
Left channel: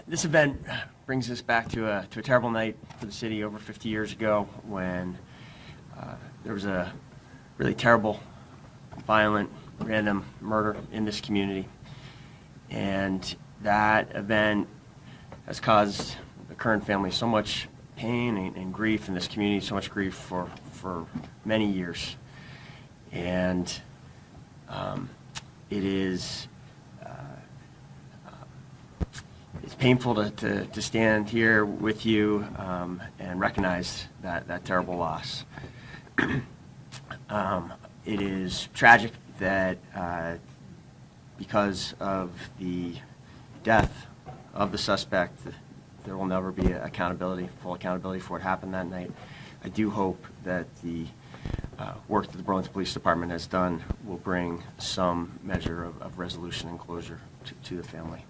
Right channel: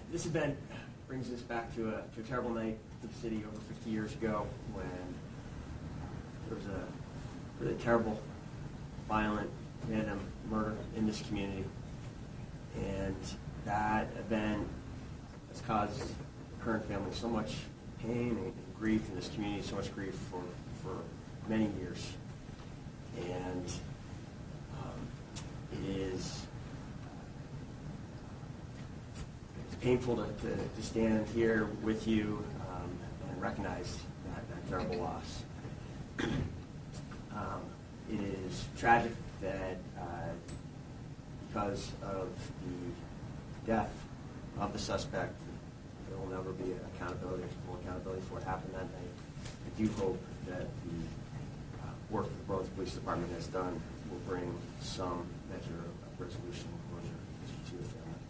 This event brings us back to a terrible night for the city over 50 years ago when there was a really terrible, violent, random murder in this community. And that event has caused the Curran family so much pain and grief in this community, so much grief for many years. And it is it's painful to stand here with you and recognize that terrible loss. It is tragic that because of the death of the suspect, there will never be full accountability for what happened that night. I do hope that the work that the Burlington Police Department has done will bring some measure of resolution and closure to the family.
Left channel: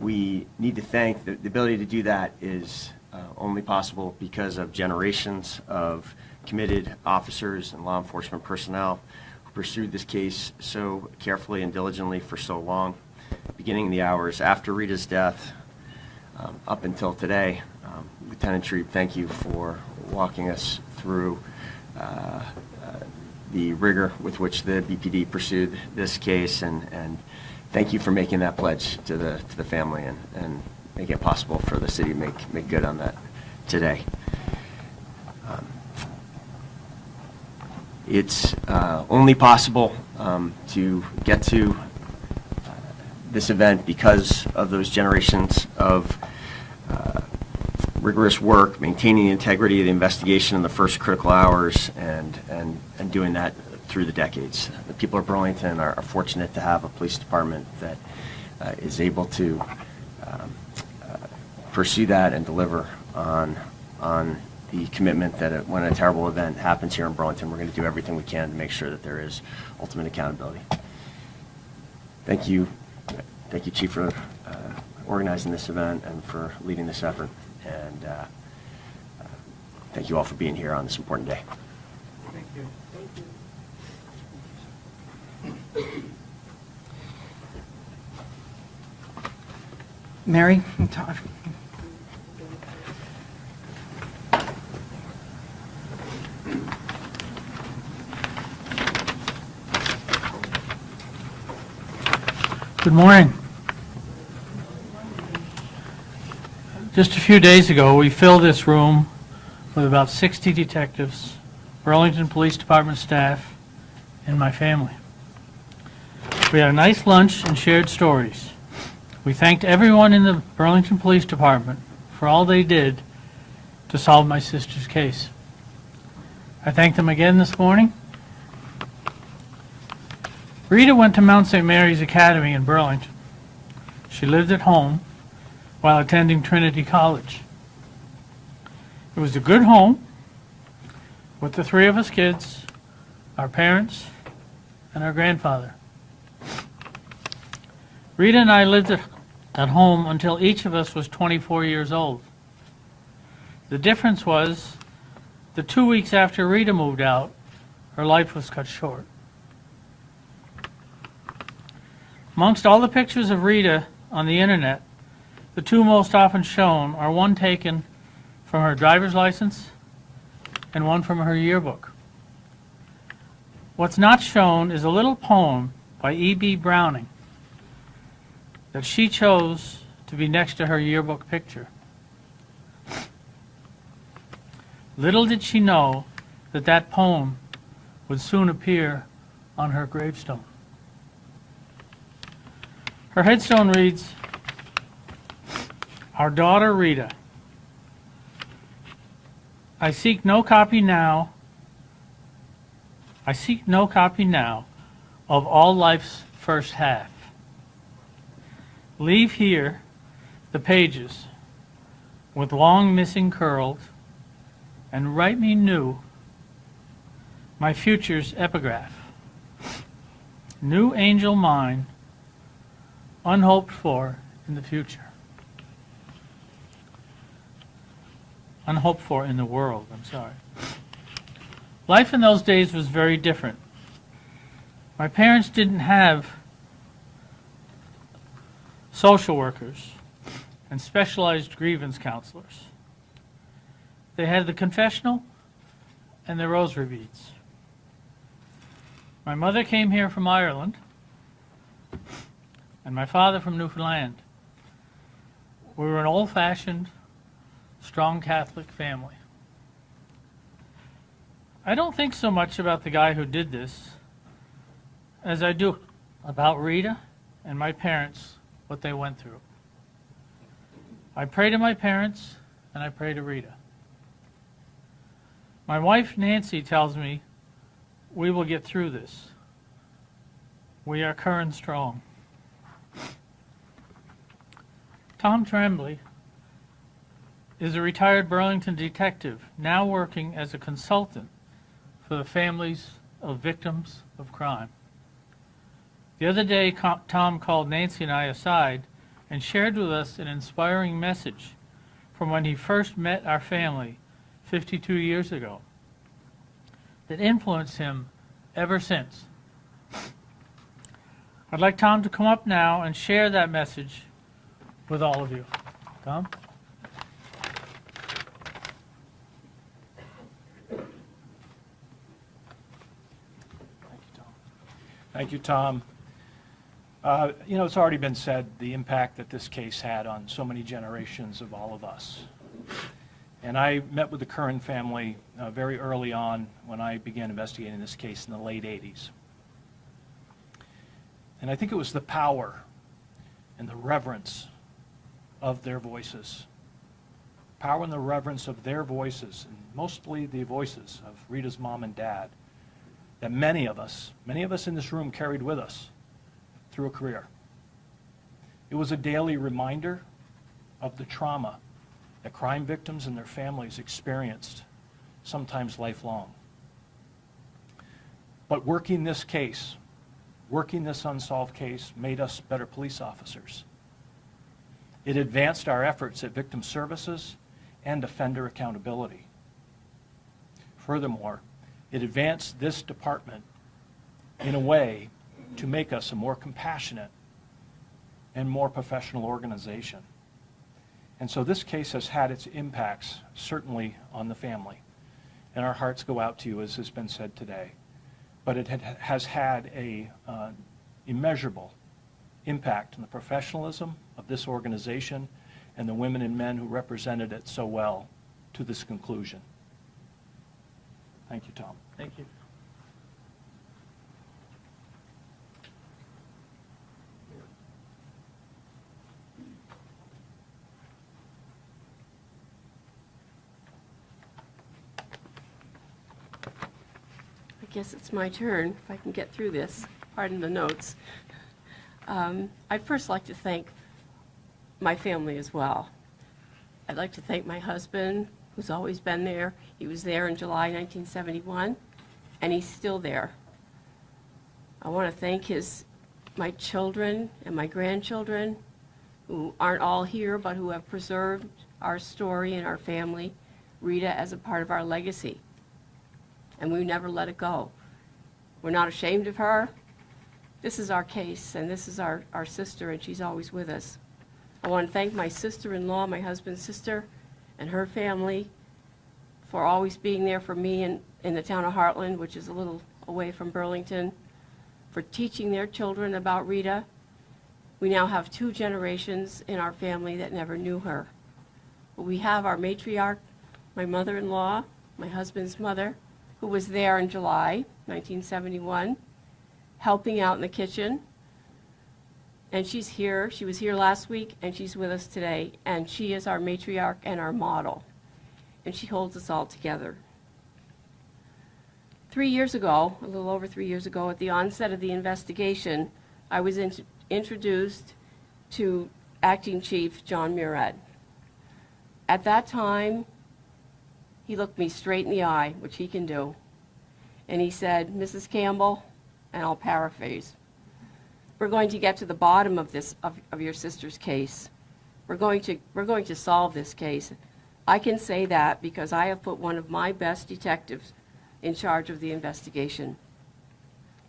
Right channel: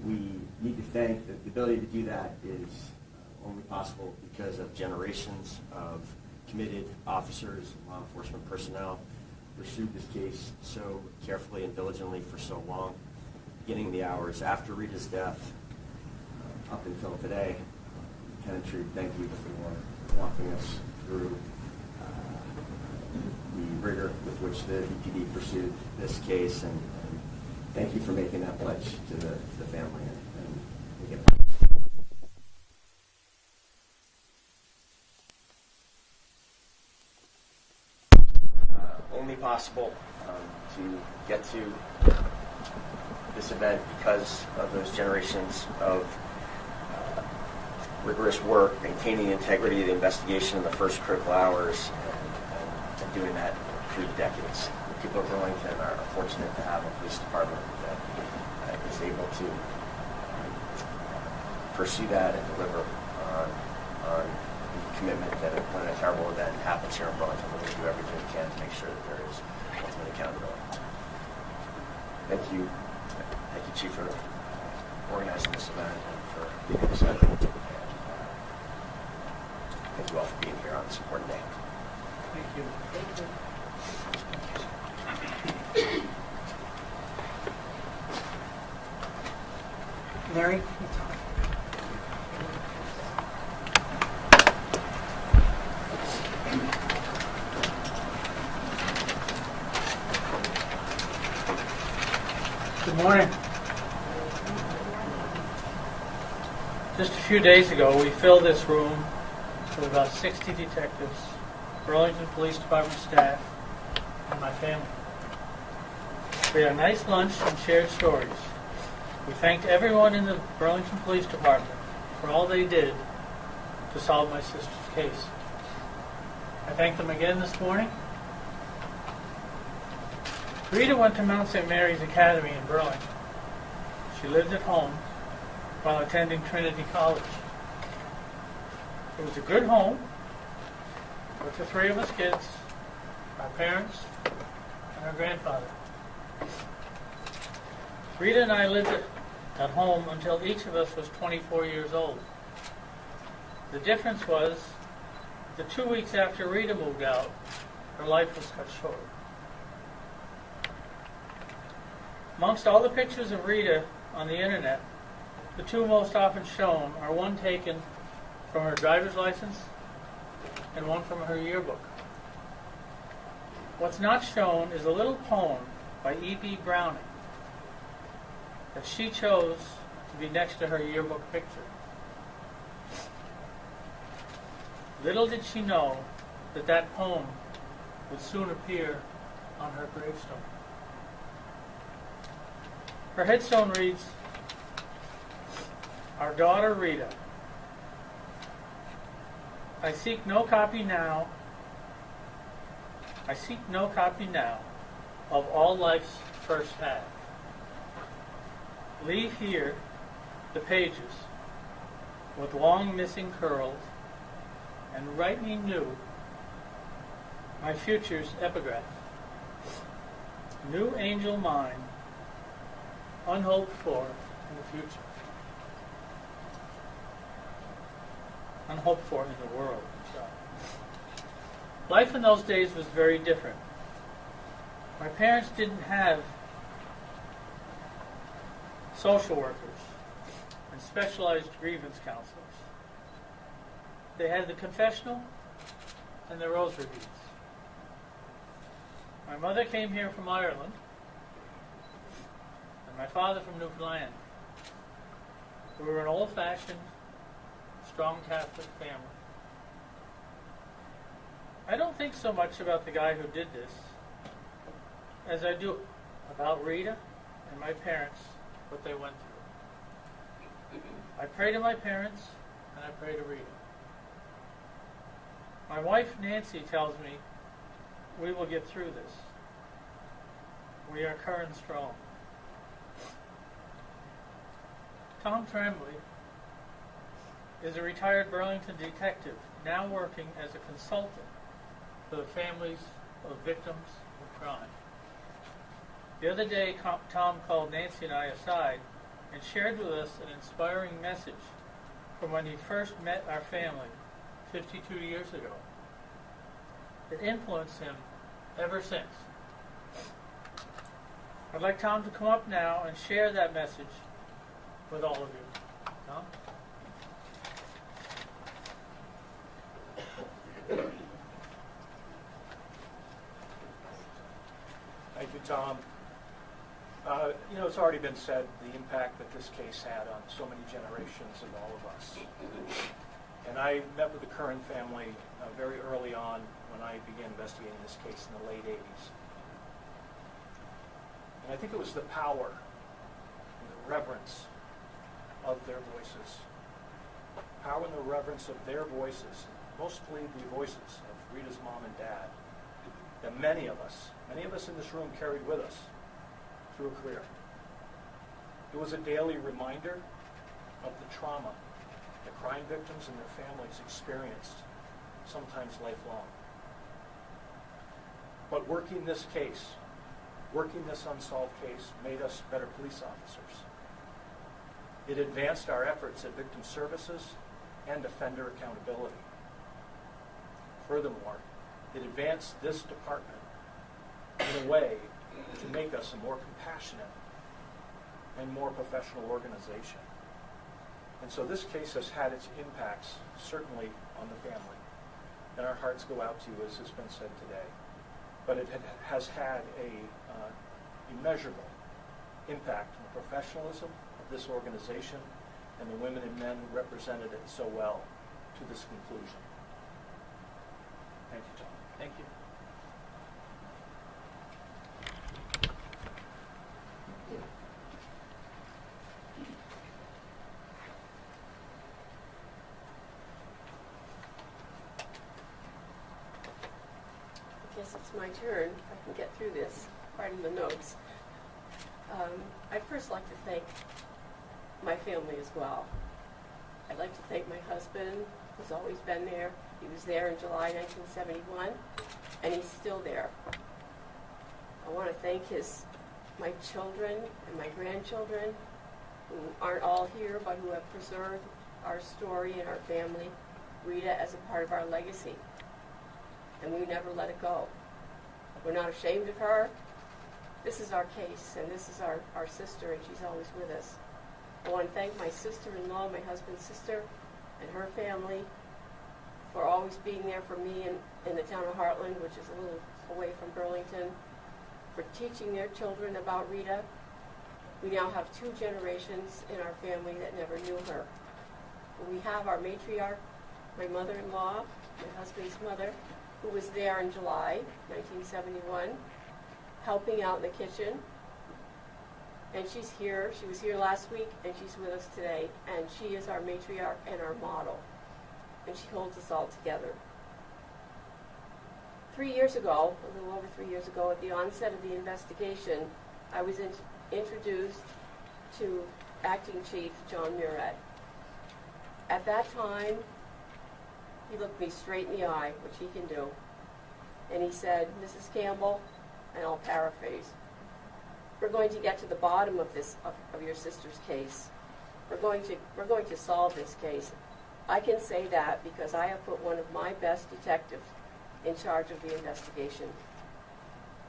We need to thank, the ability to do that is only possible because of generations of committed officers and law enforcement personnel who pursued this case so carefully and diligently for so long, beginning in the hours after Rita's death up until today. Lieutenant Trebe, thank you for walking us through the rigor with which the BPD pursued this case, and thank you for making that pledge to the family and making it possible for the city to make good on that today. It's only possible to get to this event because of those generations of rigorous work, maintaining the integrity of the investigation in the first critical hours, and doing that through the decades. The people of Burlington are fortunate to have a police department that is able to pursue that and deliver on the commitment that when a terrible event happens here in Burlington, we're going to do everything we can to make sure that there is ultimate accountability. Thank you, Chief, for organizing this event and for leading this effort. And thank you all for being here on this important day. Mary, Todd. Good morning. Just a few days ago, we filled this room with about 60 detectives, Burlington Police Department staff, and my family. We had a nice lunch and shared stories. We thanked everyone in the Burlington Police Department for all they did to solve my sister's case. I thanked them again this morning. Rita went to Mount St. Mary's Academy in Burlington. She lived at home while attending Trinity College. It was a good home with the three of us kids, our parents, and our grandfather. Rita and I lived at home until each of us was 24 years old. The difference was the 2 weeks after Rita moved out, her life was cut short. Amongst all the pictures of Rita on the internet, the two most often shown are one taken from her driver's license and one from her yearbook. What's not shown is a little poem by E.B. Browning that she chose to be next to her yearbook picture. Little did she know that that poem would soon appear on her gravestone. Her headstone reads, "Our daughter Rita. I seek no copy now of all life's first half. Leave here the pages with long missing curls and write me new my future's epigraph. New angel mine, unhoped for in the future." Unhoped for in the world, I'm sorry. Life in those days was very different. My parents didn't have social workers and specialized grievance counselors. They had the confessional and the rosary beads. My mother came here from Ireland, and my father from Newfoundland. We were an old-fashioned, strong Catholic family. I don't think so much about the guy who did this as I do about Rita and my parents, what they went through. I pray to my parents and I pray to Rita. My wife Nancy tells me we will get through this. We are current strong. Tom Tremblay is a retired Burlington detective, now working as a consultant for the families of victims of crime. The other day, Tom called Nancy and I aside and shared with us an inspiring message from when he first met our family 52 years ago that influenced him ever since. I'd like Tom to come up now and share that message with all of you. Tom? Thank you, Tom. It's already been said, the impact that this case had on so many generations of all of us. And I met with the Curran family very early on when I began investigating this case in the late 80s. And I think it was the power and the reverence of their voices. Power and the reverence of their voices, and mostly the voices of Rita's mom and dad, that many of us in this room carried with us through a career. It was a daily reminder of the trauma that crime victims and their families experienced, sometimes lifelong. But working this unsolved case, made us better police officers. It advanced our efforts at victim services and offender accountability. Furthermore, it advanced this department in a way to make us a more compassionate and more professional organization. And so this case has had its impacts, certainly on the family. And our hearts go out to you, as has been said today. But it has had a immeasurable impact on the professionalism of this organization and the women and men who represented it so well to this conclusion. Thank you, Tom. Thank you. I guess it's my turn, if I can get through this. Pardon the notes. I'd first like to thank my family as well. I'd like to thank my husband, who's always been there. He was there in July 1971, and he's still there. I want to thank my children and my grandchildren, who aren't all here, but who have preserved our story and our family, Rita, as a part of our legacy. And we never let it go. We're not ashamed of her. This is our case, and this is our sister, and she's always with us. I want to thank my sister-in-law, my husband's sister, and her family for always being there for me in the town of Heartland, which is a little away from Burlington, for teaching their children about Rita. We now have 2 generations in our family that never knew her. But we have our matriarch, my mother-in-law, my husband's mother, who was there in July 1971, helping out in the kitchen. And she's here. She was here last week, and she's with us today. And she is our matriarch and our model. And she holds us all together. 3 years ago, a little over 3 years ago, at the onset of the investigation, I was introduced to Acting Chief John Murad. At that time, he looked me straight in the eye, which he can do, and he said, "Mrs. Campbell," and I'll paraphrase, "we're going to get to the bottom of this, of your sister's case. We're going to solve this case." I can say that because I have put one of my best detectives in charge of the investigation.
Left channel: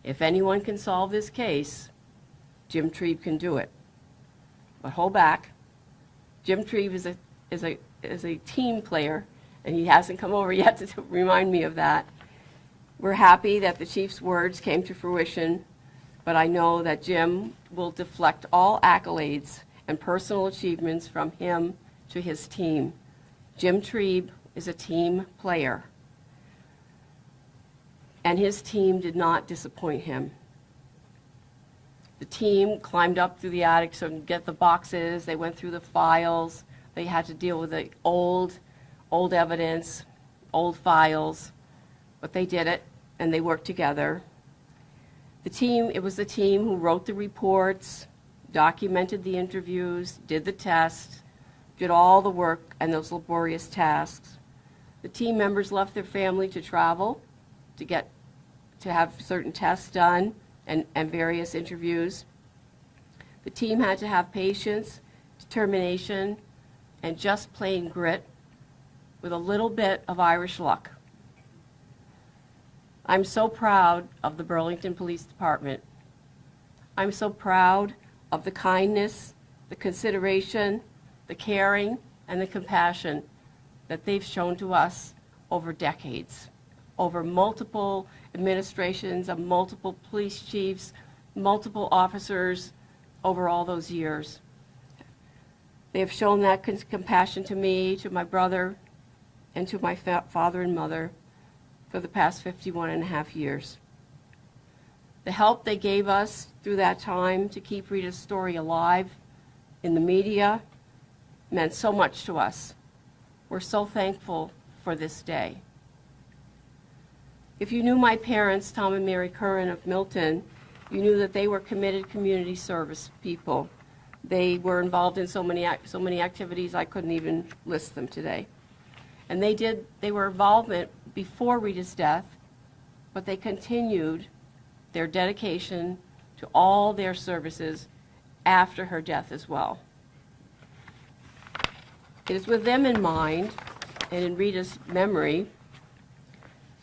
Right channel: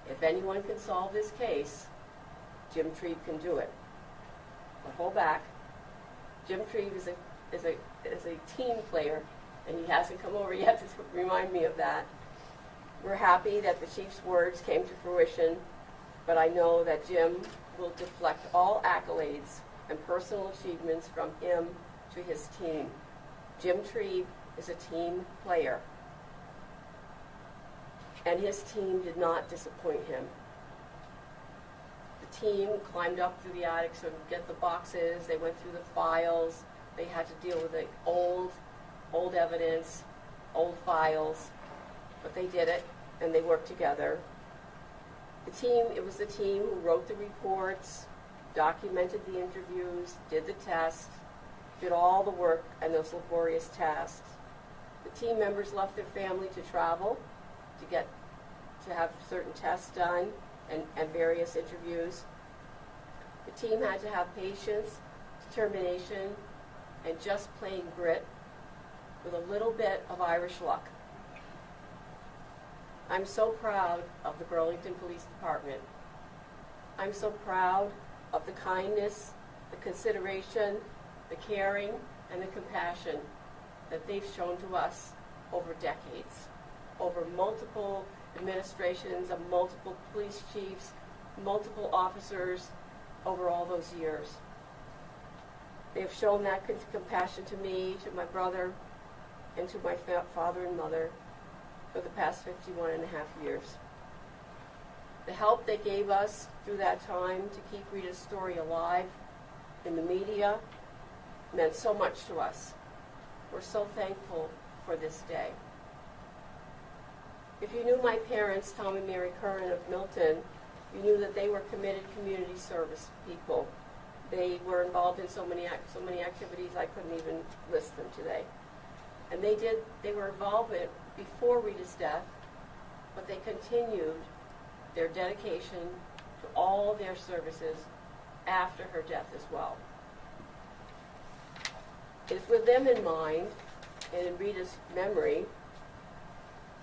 If anyone can solve this case, Jim Trebe can do it. But hold back. Jim Trebe is a team player, and he hasn't come over yet to remind me of that. We're happy that the chief's words came to fruition, but I know that Jim will deflect all accolades and personal achievements from him to his team. Jim Trebe is a team player, and his team did not disappoint him. The team climbed up through the attic to get the boxes. They went through the files. They had to deal with the old evidence. old files, but they did it, and they worked together. It was the team who wrote the reports, documented the interviews, did the tests, did all the work and those laborious tasks. The team members left their family to travel, to have certain tests done and various interviews. The team had to have patience, determination, and just plain grit with a little bit of Irish luck. I'm so proud of the Burlington Police Department. I'm so proud of the kindness, the consideration, the caring, and the compassion that they've shown to us over decades, over multiple administrations of multiple police chiefs, multiple officers over all those years. They have shown that compassion to me, to my brother, and to my father and mother for the past 51 and a half years. The help they gave us through that time to keep Rita's story alive in the media meant so much to us. We're so thankful for this day. If you knew my parents, Tom and Mary Curran of Milton, you knew that they were committed community service people. They were involved in so many activities I couldn't even list them today. And they were involved before Rita's death, but they continued their dedication to all their services after her death as well. It is with them in mind and in Rita's memory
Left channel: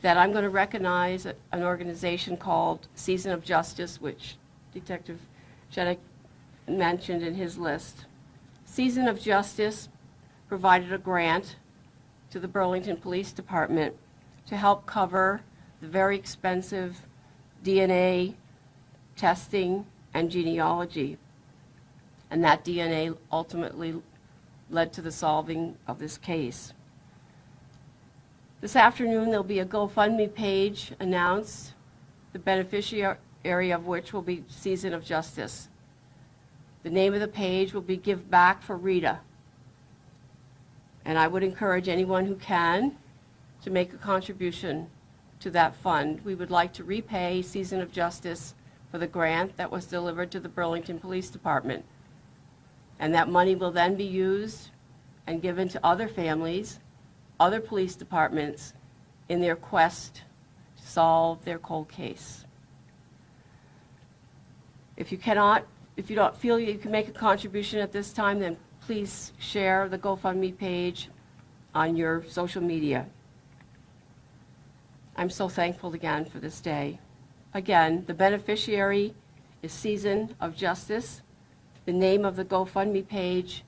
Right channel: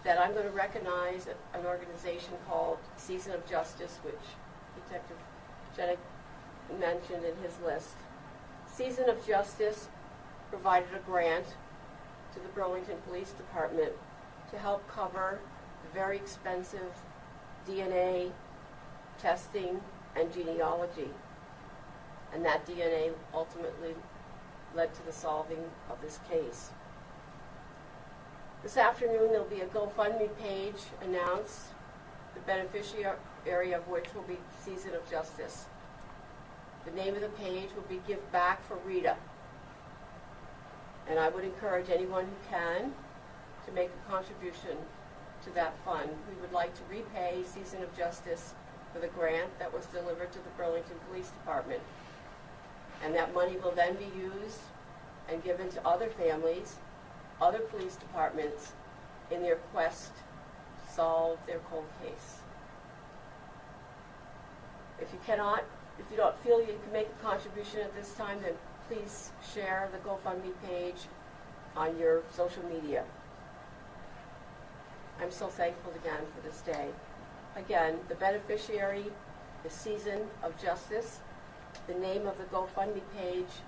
that I'm going to recognize an organization called Season of Justice, which Detective Jennick mentioned in his list. Season of Justice provided a grant to the Burlington Police Department to help cover the very expensive DNA testing and genealogy. And that DNA ultimately led to the solving of this case. This afternoon there'll be a GoFundMe page announced, the beneficiary of which will be Season of Justice. The name of the page will be Give Back for Rita. And I would encourage anyone who can to make a contribution to that fund. We would like to repay Season of Justice for the grant that was delivered to the Burlington Police Department. And that money will then be used and given to other families, other police departments in their quest to solve their cold case. If you don't feel you can make a contribution at this time, then please share the GoFundMe page on your social media. I'm so thankful again for this day. Again, the beneficiary is Season of Justice. The name of the GoFundMe page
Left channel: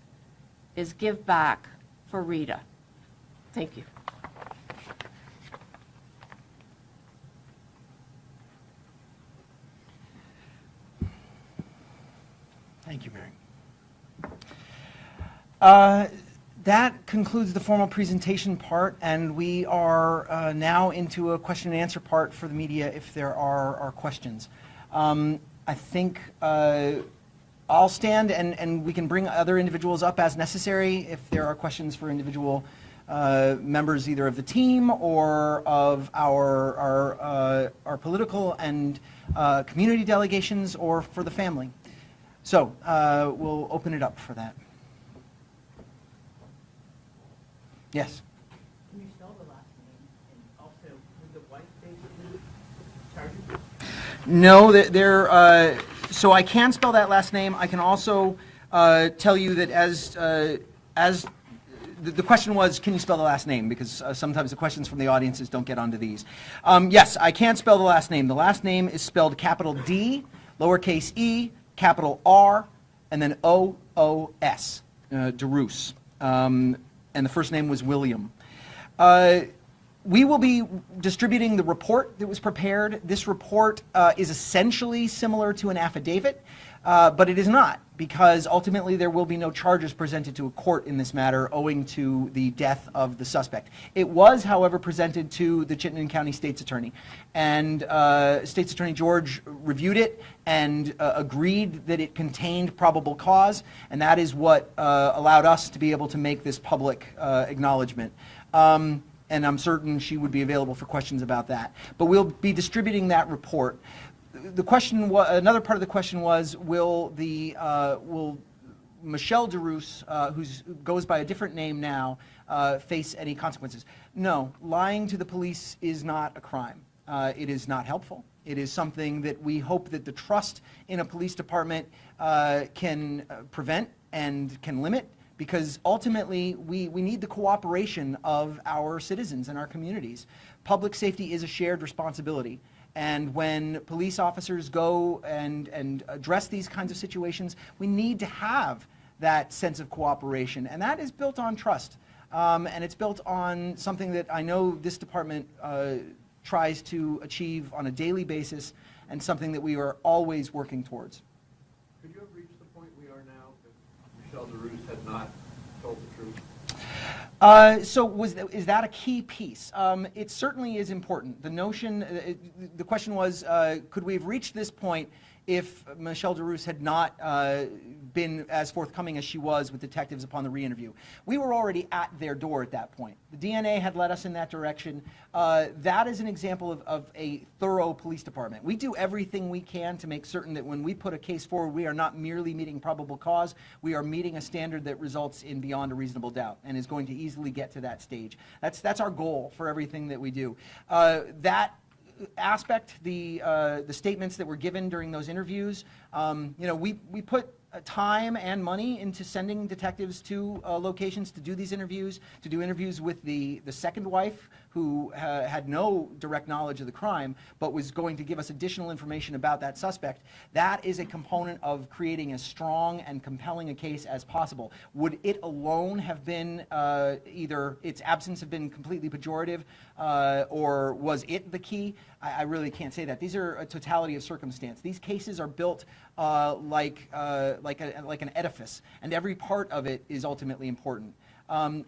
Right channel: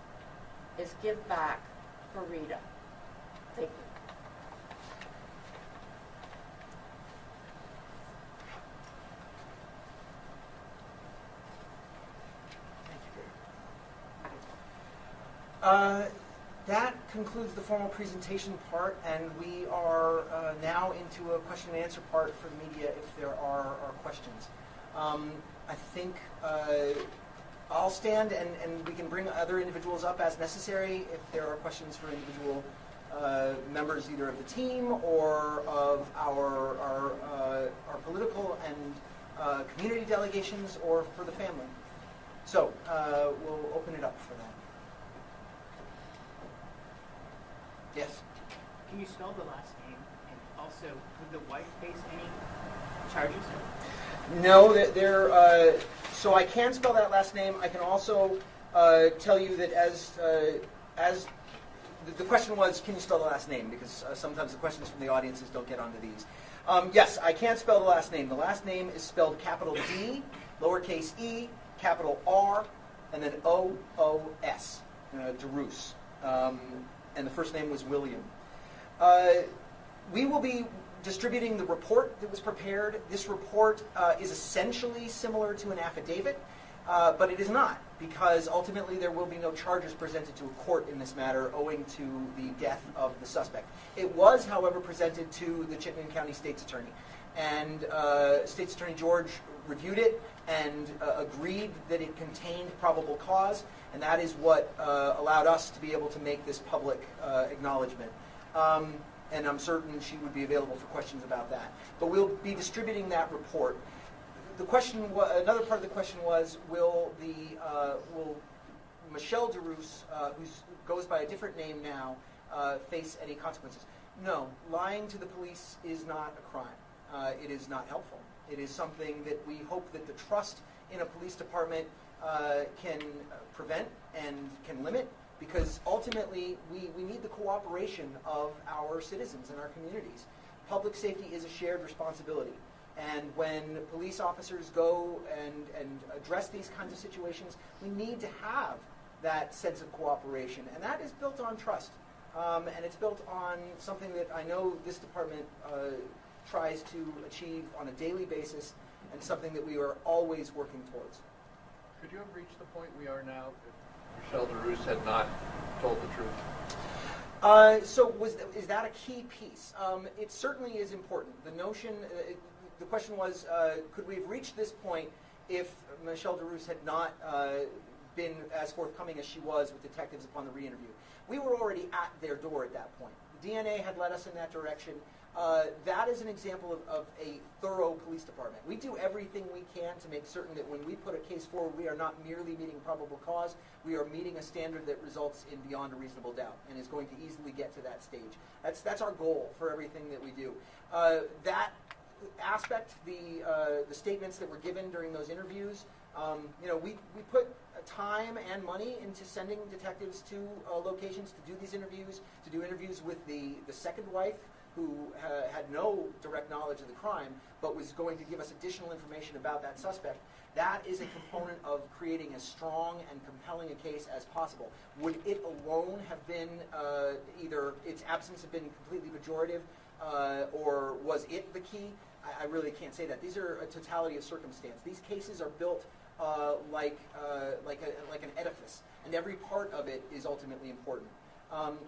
is Give Back for Rita. Thank you. Thank you, Barry. That concludes the formal presentation part, and we are now into a question and answer part for the media if there are questions. I think I'll stand and we can bring other individuals up as necessary if there are questions for individual members either of the team or of our political and community delegations or for the family. So we'll open it up for that. Yes? Can you spell the last name? And also, would the wife face any charges? No, so I can spell that last name. I can also tell you that as the question was, can you spell the last name? Because sometimes the questions from the audiences don't get onto these. Yes, I can spell the last name. The last name is spelled capital D, lowercase e, capital R, and then O-O-S, DeRoos. And the first name was William. We will be distributing the report that was prepared. This report is essentially similar to an affidavit, but it is not, because ultimately there will be no charges presented to a court in this matter owing to the death of the suspect. It was, however, presented to the Chittenden County State's Attorney, and State's Attorney George reviewed it and agreed that it contained probable cause, and that is what allowed us to be able to make this public acknowledgement. and I'm certain she would be available for questions about that. But we'll be distributing that report. The question, another part of the question was, will Michelle DeRoos, who goes by a different name now, face any consequences? No, lying to the police is not a crime. It is not helpful. It is something that we hope that the trust in a police department can prevent and can limit, because ultimately we need the cooperation of our citizens and our communities. Public safety is a shared responsibility. And when police officers go and address these kinds of situations, we need to have that sense of cooperation. And that is built on trust. And it's built on something that I know this department tries to achieve on a daily basis, and something that we are always working towards. Could you have reached the point we are now if Michelle DeRoos had not told the truth? So is that a key piece? It certainly is important. The notion, the question was, could we have reached this point if Michelle DeRoos had not been as forthcoming as she was with detectives upon the re-interview? We were already at their door at that point. The DNA had led us in that direction. That is an example of a thorough police department. We do everything we can to make certain that when we put a case forward, we are not merely meeting probable cause, we are meeting a standard that results in beyond a reasonable doubt and is going to easily get to that stage. That's our goal for everything that we do. That aspect, the statements that were given during those interviews, we put time and money into sending detectives to locations to do these interviews, to do interviews with the second wife, who had no direct knowledge of the crime, but was going to give us additional information about that suspect. That is a component of creating as strong and compelling a case as possible. Would it alone have been either its absence have been completely pejorative, or was it the key? I really can't say that. These are a totality of circumstance. These cases are built like an edifice, and every part of it is ultimately important.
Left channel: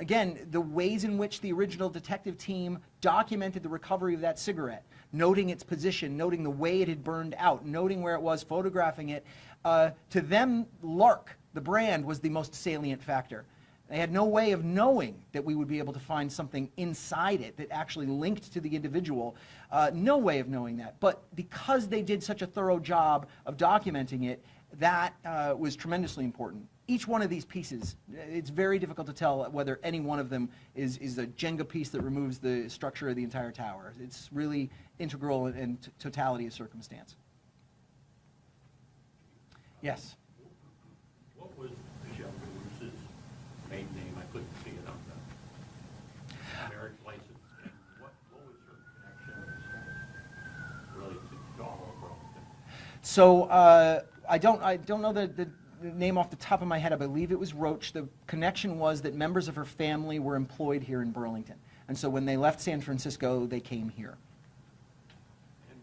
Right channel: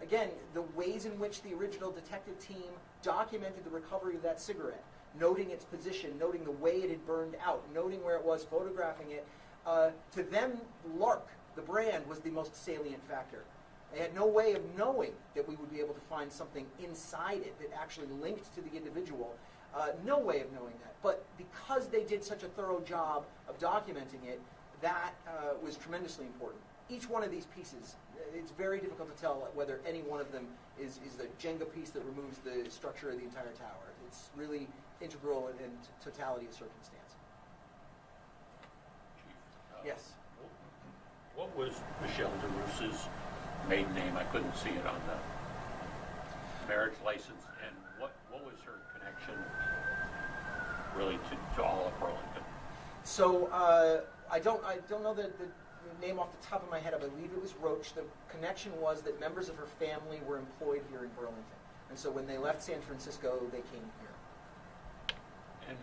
Again, the ways in which the original detective team documented the recovery of that cigarette, noting its position, noting the way it had burned out, noting where it was, photographing it, to them, Lark, the brand, was the most salient factor. They had no way of knowing that we would be able to find something inside it that actually linked to the individual. No way of knowing that. But because they did such a thorough job of documenting it, that was tremendously important. Each one of these pieces, it's very difficult to tell whether any one of them is a Jenga piece that removes the structure of the entire tower. It's really integral in totality of circumstance. Yes. What was Michelle DeRoos's maiden name? I couldn't see it on the marriage license. And what was her connection really to all of Burlington? So I don't know the name off the top of my head. I believe it was Roach. The connection was that members of her family were employed here in Burlington, and so when they left San Francisco, they came here. And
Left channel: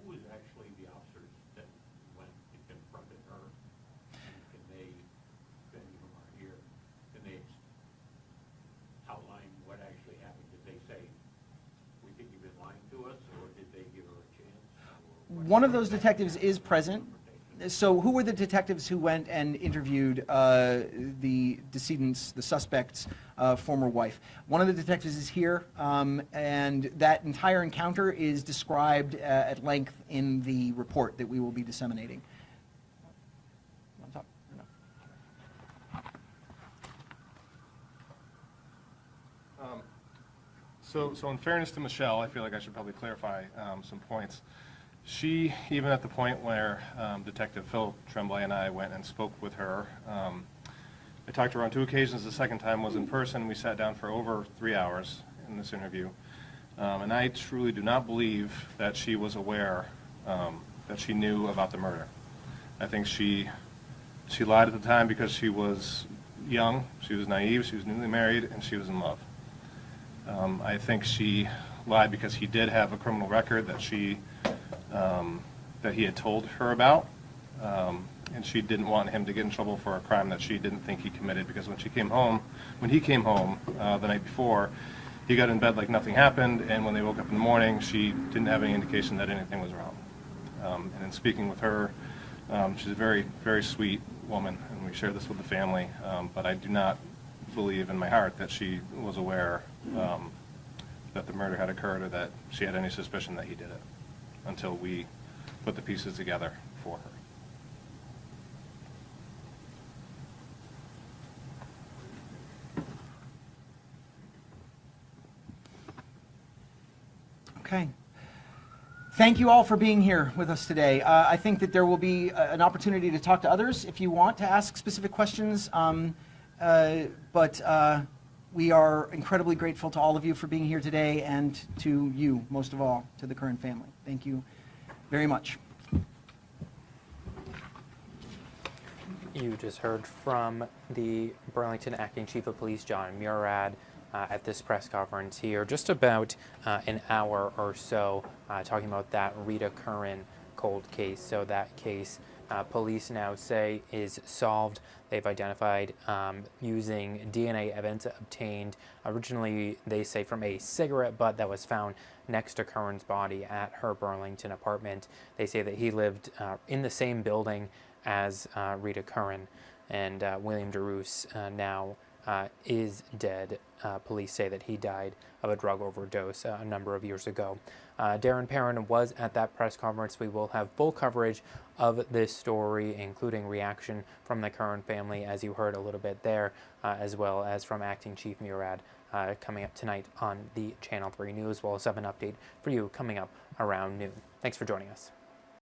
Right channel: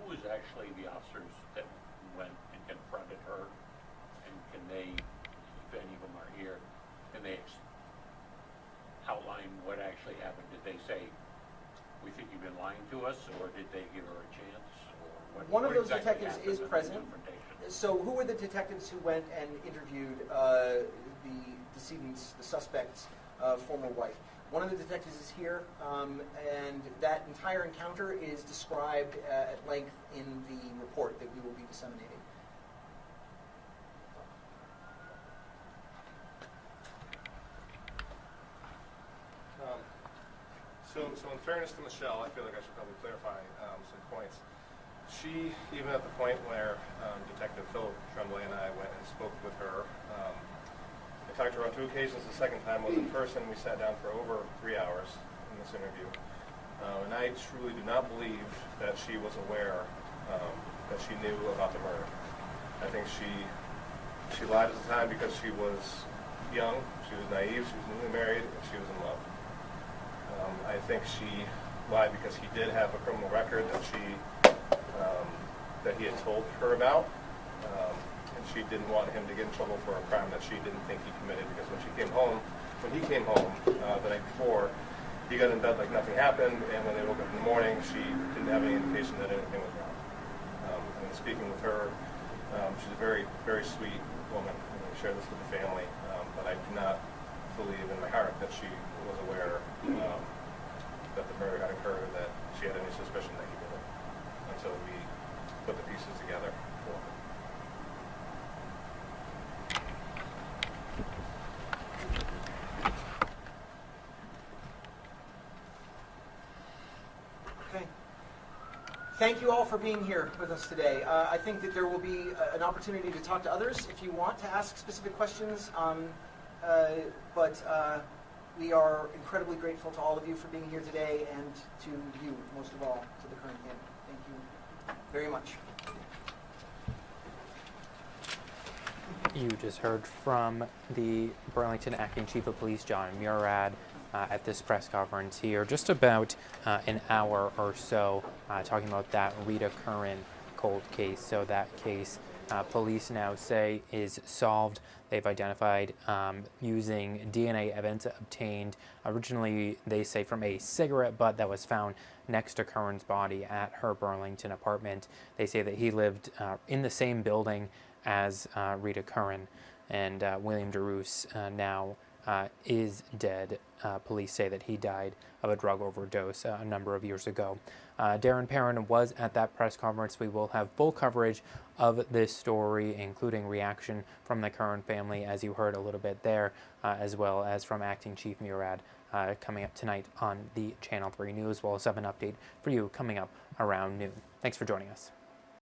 who was actually the officers that went and confronted her? And can they, if any of them are here, can they outline what actually happened? Did they say, "We think you've been lying to us," or did they give her a chance? One of those detectives is present. So who were the detectives who went and interviewed the decedent's, the suspect's former wife? One of the detectives is here, and that entire encounter is described at length in the report that we will be disseminating. So in fairness to Michelle, I feel like I should probably clarify some points. She, even at the point where Detective Phil Tremblay and I went and spoke with her, I talked to her on 2 occasions. The second time was in person. We sat down for over 3 hours in this interview. And I truly do not believe that she was aware that she knew about the murder. I think she lied at the time because she was young, she was naive, she was newly married, and she was in love. I think she lied because he did have a criminal record that that he had told her about, and she didn't want him to get in trouble for a crime that she didn't think he committed, because when he came home the night before, he got in bed like nothing happened, and when they woke up in the morning, she didn't have any indication that anything was wrong. And speaking with her, she's a very, very sweet woman, and we share this with the family, but I do not believe in my heart that she was aware that the murder had occurred or that she had any suspicion that he did it until we put the pieces together for her. Okay. Thank you all for being here with us today. I think that there will be an opportunity to talk to others if you want to ask specific questions. But we are incredibly grateful to all of you for being here today, and to you, most of all, to the Curran family. Thank you very much. You just heard from the Burlington Acting Chief of Police, John Murad, at this press conference here, just about an hour or so, talking about that Rita Curran cold case. So that case, police now say, is solved. They've identified using DNA evidence obtained originally, they say, from a cigarette butt that was found next to Curran's body at her Burlington apartment. They say that he lived in the same building as Rita Curran, and William DeRoos now is dead. Police say that he died of a drug overdose a number of years ago. Darren Perrin was at that press conference. We will have full coverage of this story, including reaction from the Curran family, as you heard a little bit there, as well as from Acting Chief Murad, coming up tonight on the Channel 3 News. We'll also have an update for you coming up around noon. Thanks for joining us.